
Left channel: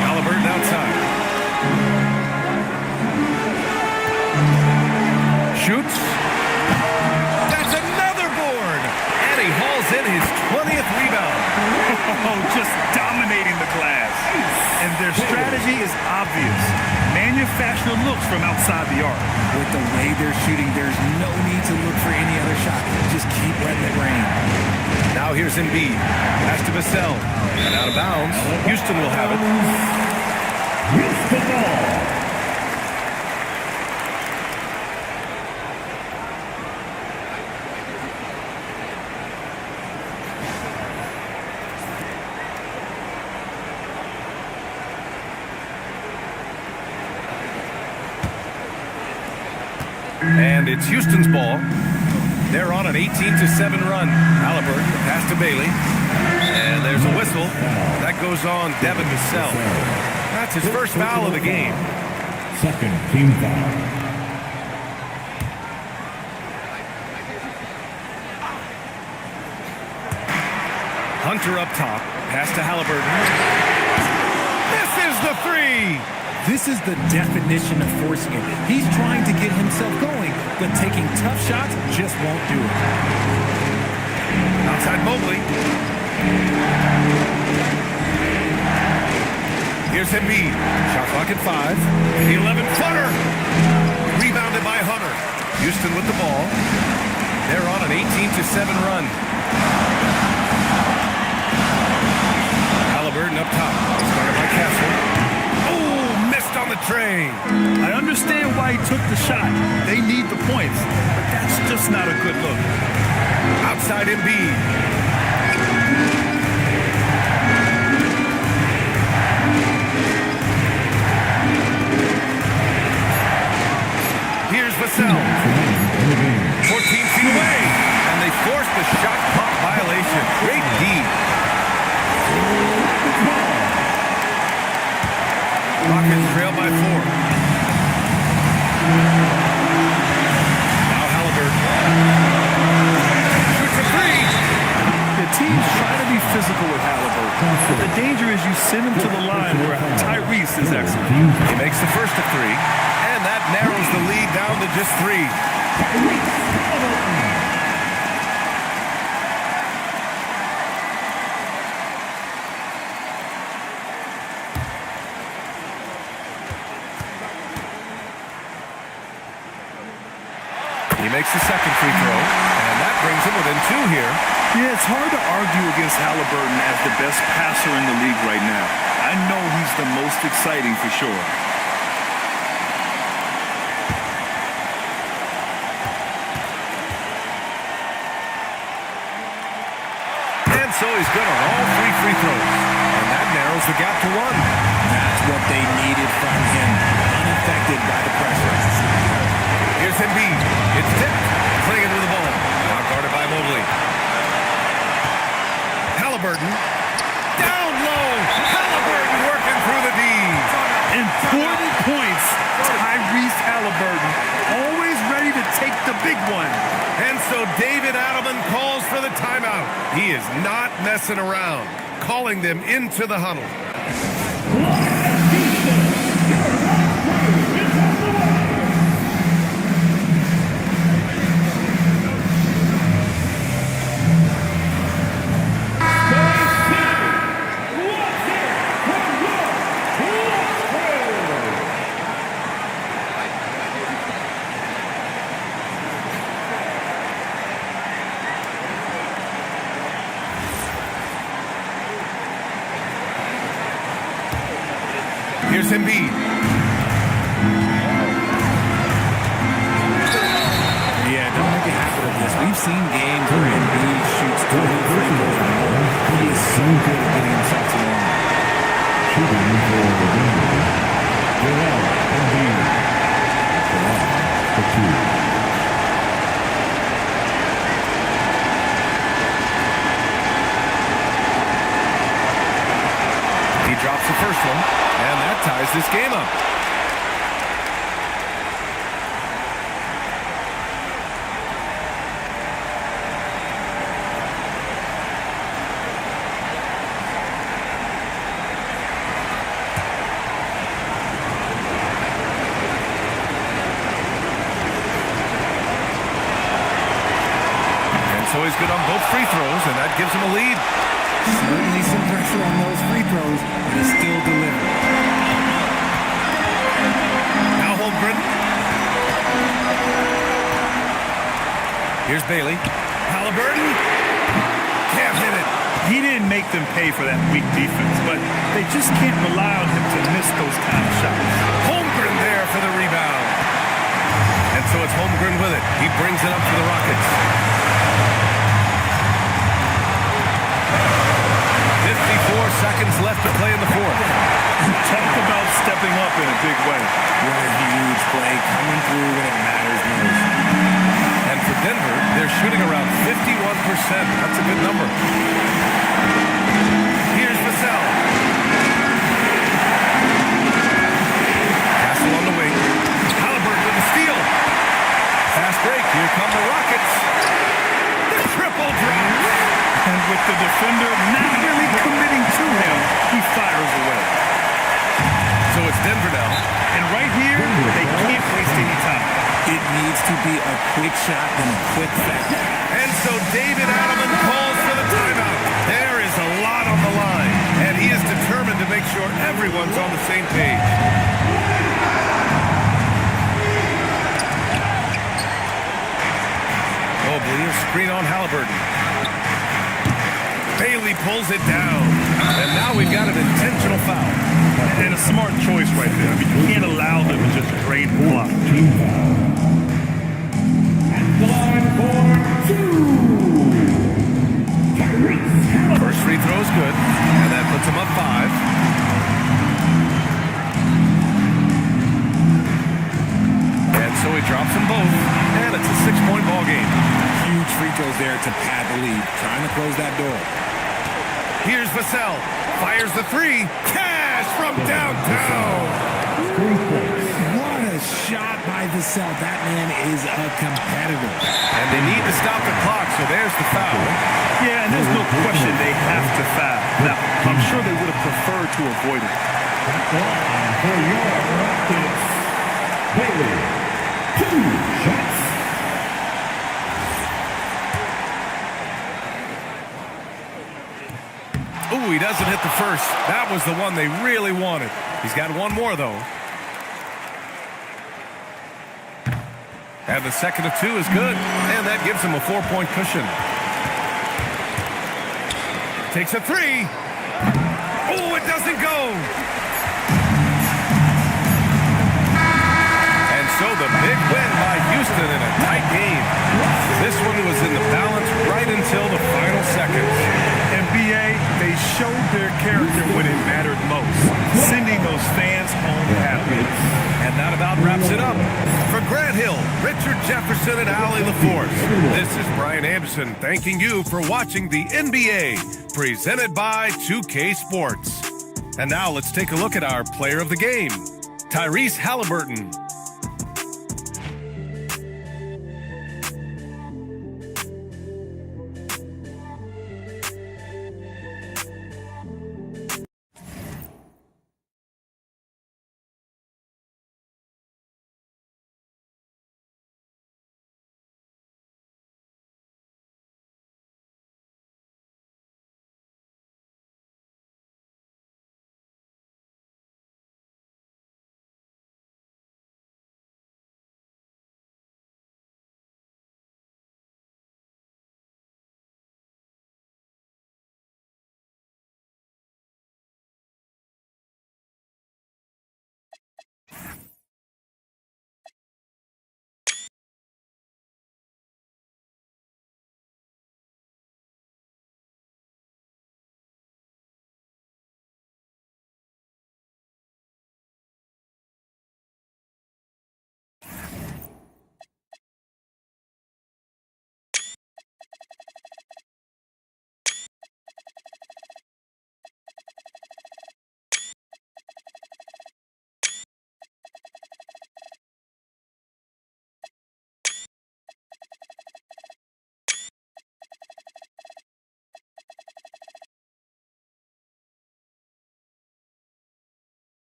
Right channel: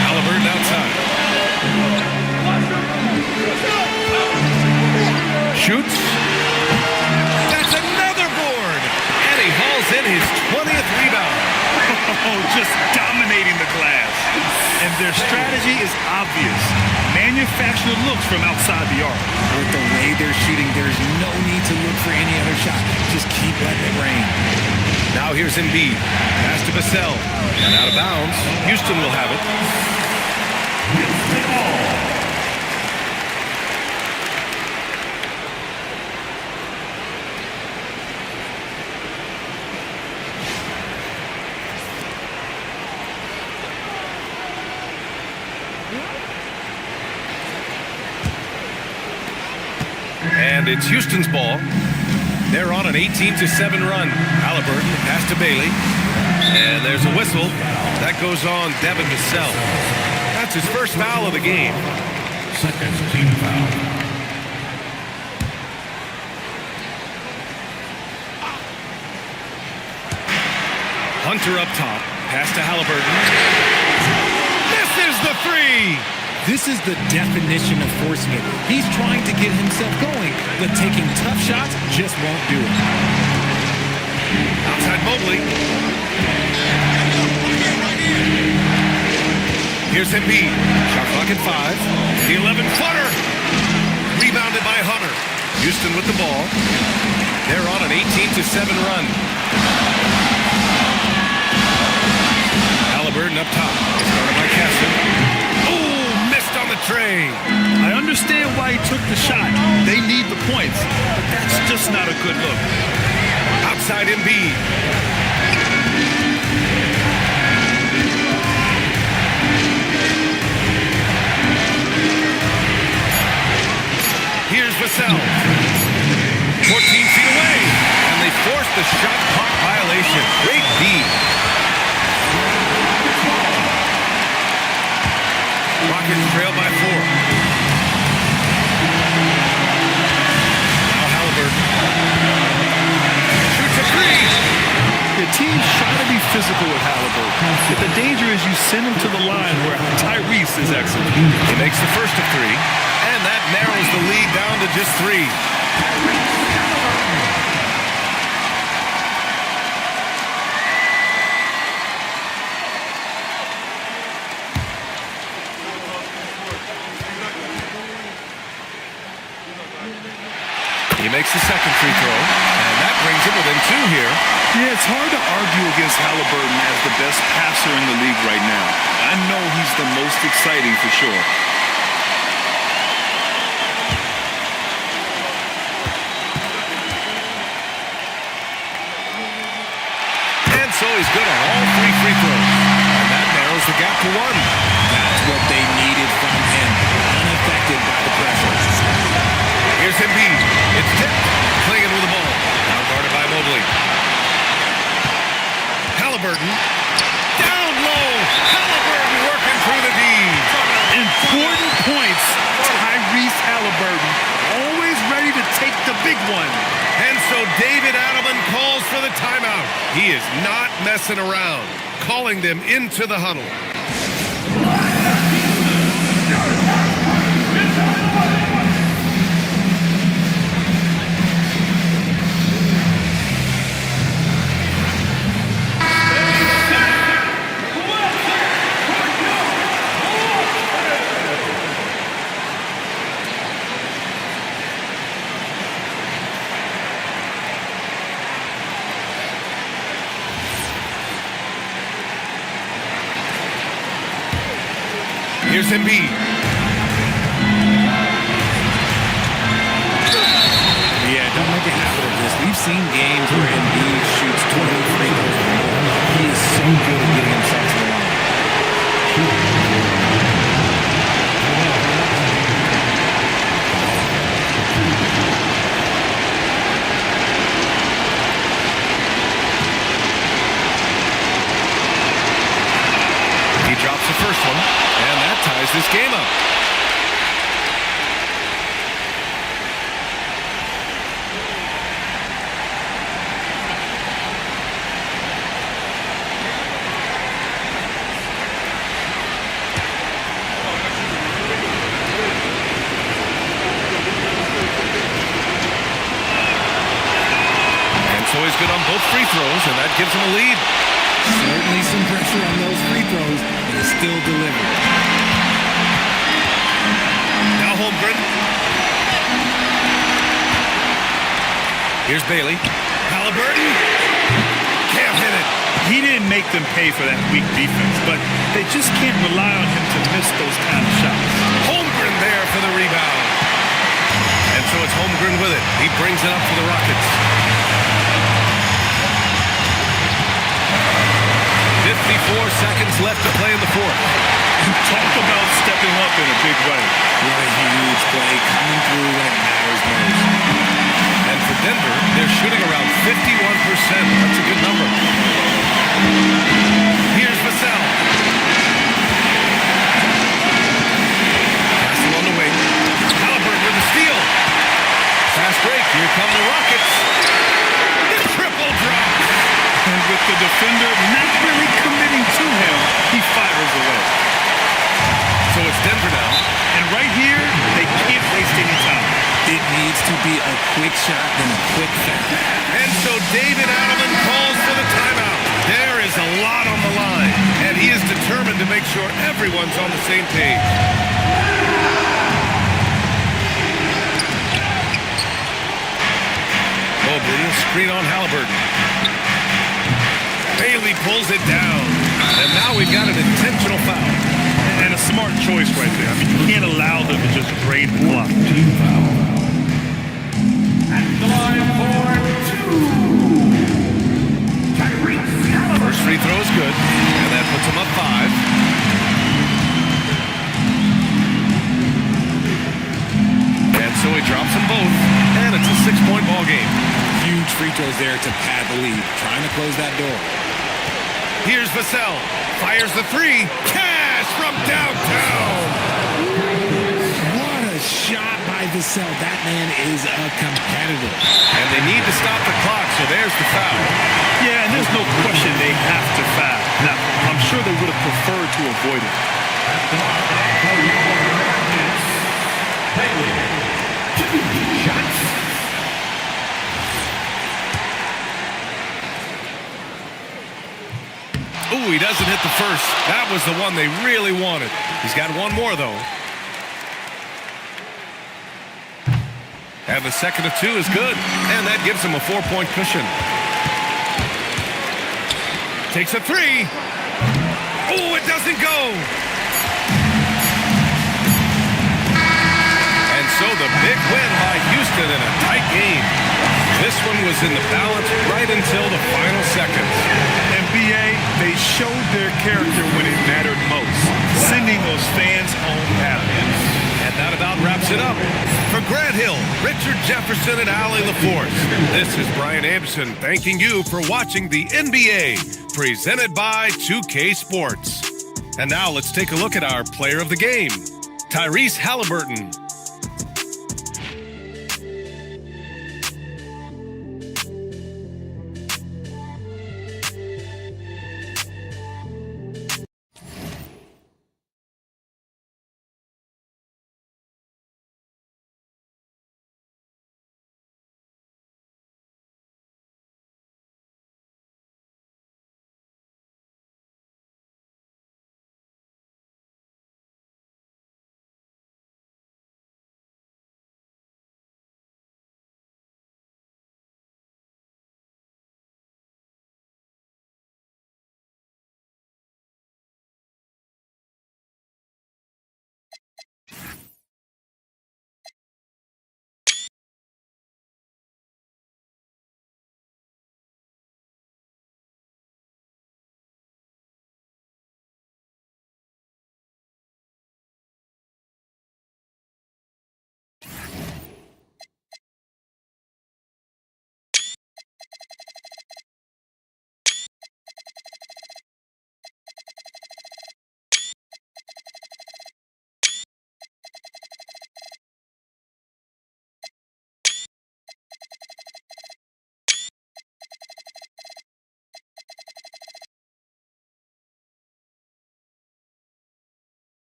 Halliburton outside. Shoots. That's another board. And he hauls in his 20th rebound. Oh, just dominating the glass. And their strategy is obvious. Manufacture looks from outside the arc. With the way they're shooting, there's no need to look for any other shot. Just keep letting it rain. Now here's Embiid. Pass to Vassell. And out of bounds. Houston will have it. Houston ball. And it's Houston's ball. They're on an 18-7 run. Halliburton, the pass to Bailey. And there's a whistle. That goes on Devin Vassell. That's his first foul of the game. Second team foul. Hunter up top. Pass to Halliburton. Misses the three. This is the definition of forcing it. He's trying to get himself going, but taking tough shots just won't do it. Outside Mobley. Here's Embiid. Shot clock at 5. The 11-footer. Rebounded by Hunter. Houston with the ball. They're on an 18-7 run. Halliburton up top. It's guarded by Castle. Oh, missed on the tray. I understand why he took the shot. They need the points, but that's just not a good look. Outside Embiid. Here's Vassell. 14 feet away. And they forced the shot clock violation. Great D. Rockets trail by 4. Now Halliburton. Shoots a 3. The teams try to be physical with Halliburton, but the danger is you send him to the line where Tyrese is excellent. He makes the first of 3, and that narrows the lead down to just 3. He makes the second free throw, and that brings him within 2 here. Yeah, it's hard to argue against Halliburton as the best passer in the league right now. I know he's the most exciting for sure. And so he's good on all 3 free throws, and that narrows the gap to 1. That's what they needed from him, unaffected by the pressure. Here's Embiid. It's tipped. Playing with the ball. Now guarded by Mobley. Halliburton. Down low. Halliburton working through the D. Important points. Tyrese Halliburton, always ready to take the big one. And so David Adelman calls for the timeout. He is not messing around. Calling them into the huddle. Here's Embiid. Yeah, don't make a habit of this. We've seen games where Embiid shoots 20 free throws or more. He is so good at getting himself to the line. He drops the first one, and that ties this game up. And so he's good on both free throws, and that gives him a lead. Certainly some pressure on those free throws, and he still delivered. Now Holmgren. Here's Bailey. Halliburton. Can't hit it. He didn't make them pay for that weak defense, but they just can't rely on him to miss those kind of shots. Holmgren there for the rebound. And so it's Holmgren with it. He brings it up for the Rockets. 54 seconds left to play in the fourth. Talk about stepping up in a big way. What a huge play coming through when it matters most. And for Denver, they're shooting around 51%. That's a good number. Here's Vassell. Castle on the wing. Halliburton with a steal. Fast break. Here come the Rockets. The triple drop. And with the defender not really committing to him, he fires away. So it's Denver now. And right here, they can't waste any time. It needs to be a quick shot and a quick foul. And so David Adelman calls for the timeout. There is a lot on the line, and he is determined to make sure everyone's on the same page. Mobley, a screen on Halliburton. Bailey pulls it down. And now we've got an intentional foul. And a smart choice right there. I mean, you can't allow them to just drain the clock. Team foul. At the line for 2. Tyrese Halliburton. First free throw is good, and that puts him up 5. And so he drops them both, and it's a 6-point ball game. Huge free throws there to pad the lead, trying to close that door. Here's Vassell, fires the 3, cash from downtown. What a shot by Vassell. That man is a competitor. And they need to stop the clock, so there's the foul. Yeah, and there's no question they have to foul. Now, I'm sure they would have preferred to avoid it. For your Rockets, Bailey. 2 shots. Ooh, he doesn't hit the first. That was the one they really wanted. He's got one more, though. And the second of 2 is good. And that gives him a 4-point cushion. Takes a 3. Oh, it doesn't go. And so the big win by Houston in a tight game. This one was in the balance right until the final seconds. And B.A., they showed their character when it mattered most, sending those fans home happy. And that about wraps it up. For Grant Hill, Richard Jefferson, and Allie LaForce, this is Brian Anderson thanking you for watching the NBA, presented by 2K Sports. And now let's take a look at our player of the game, Tyrese Halliburton.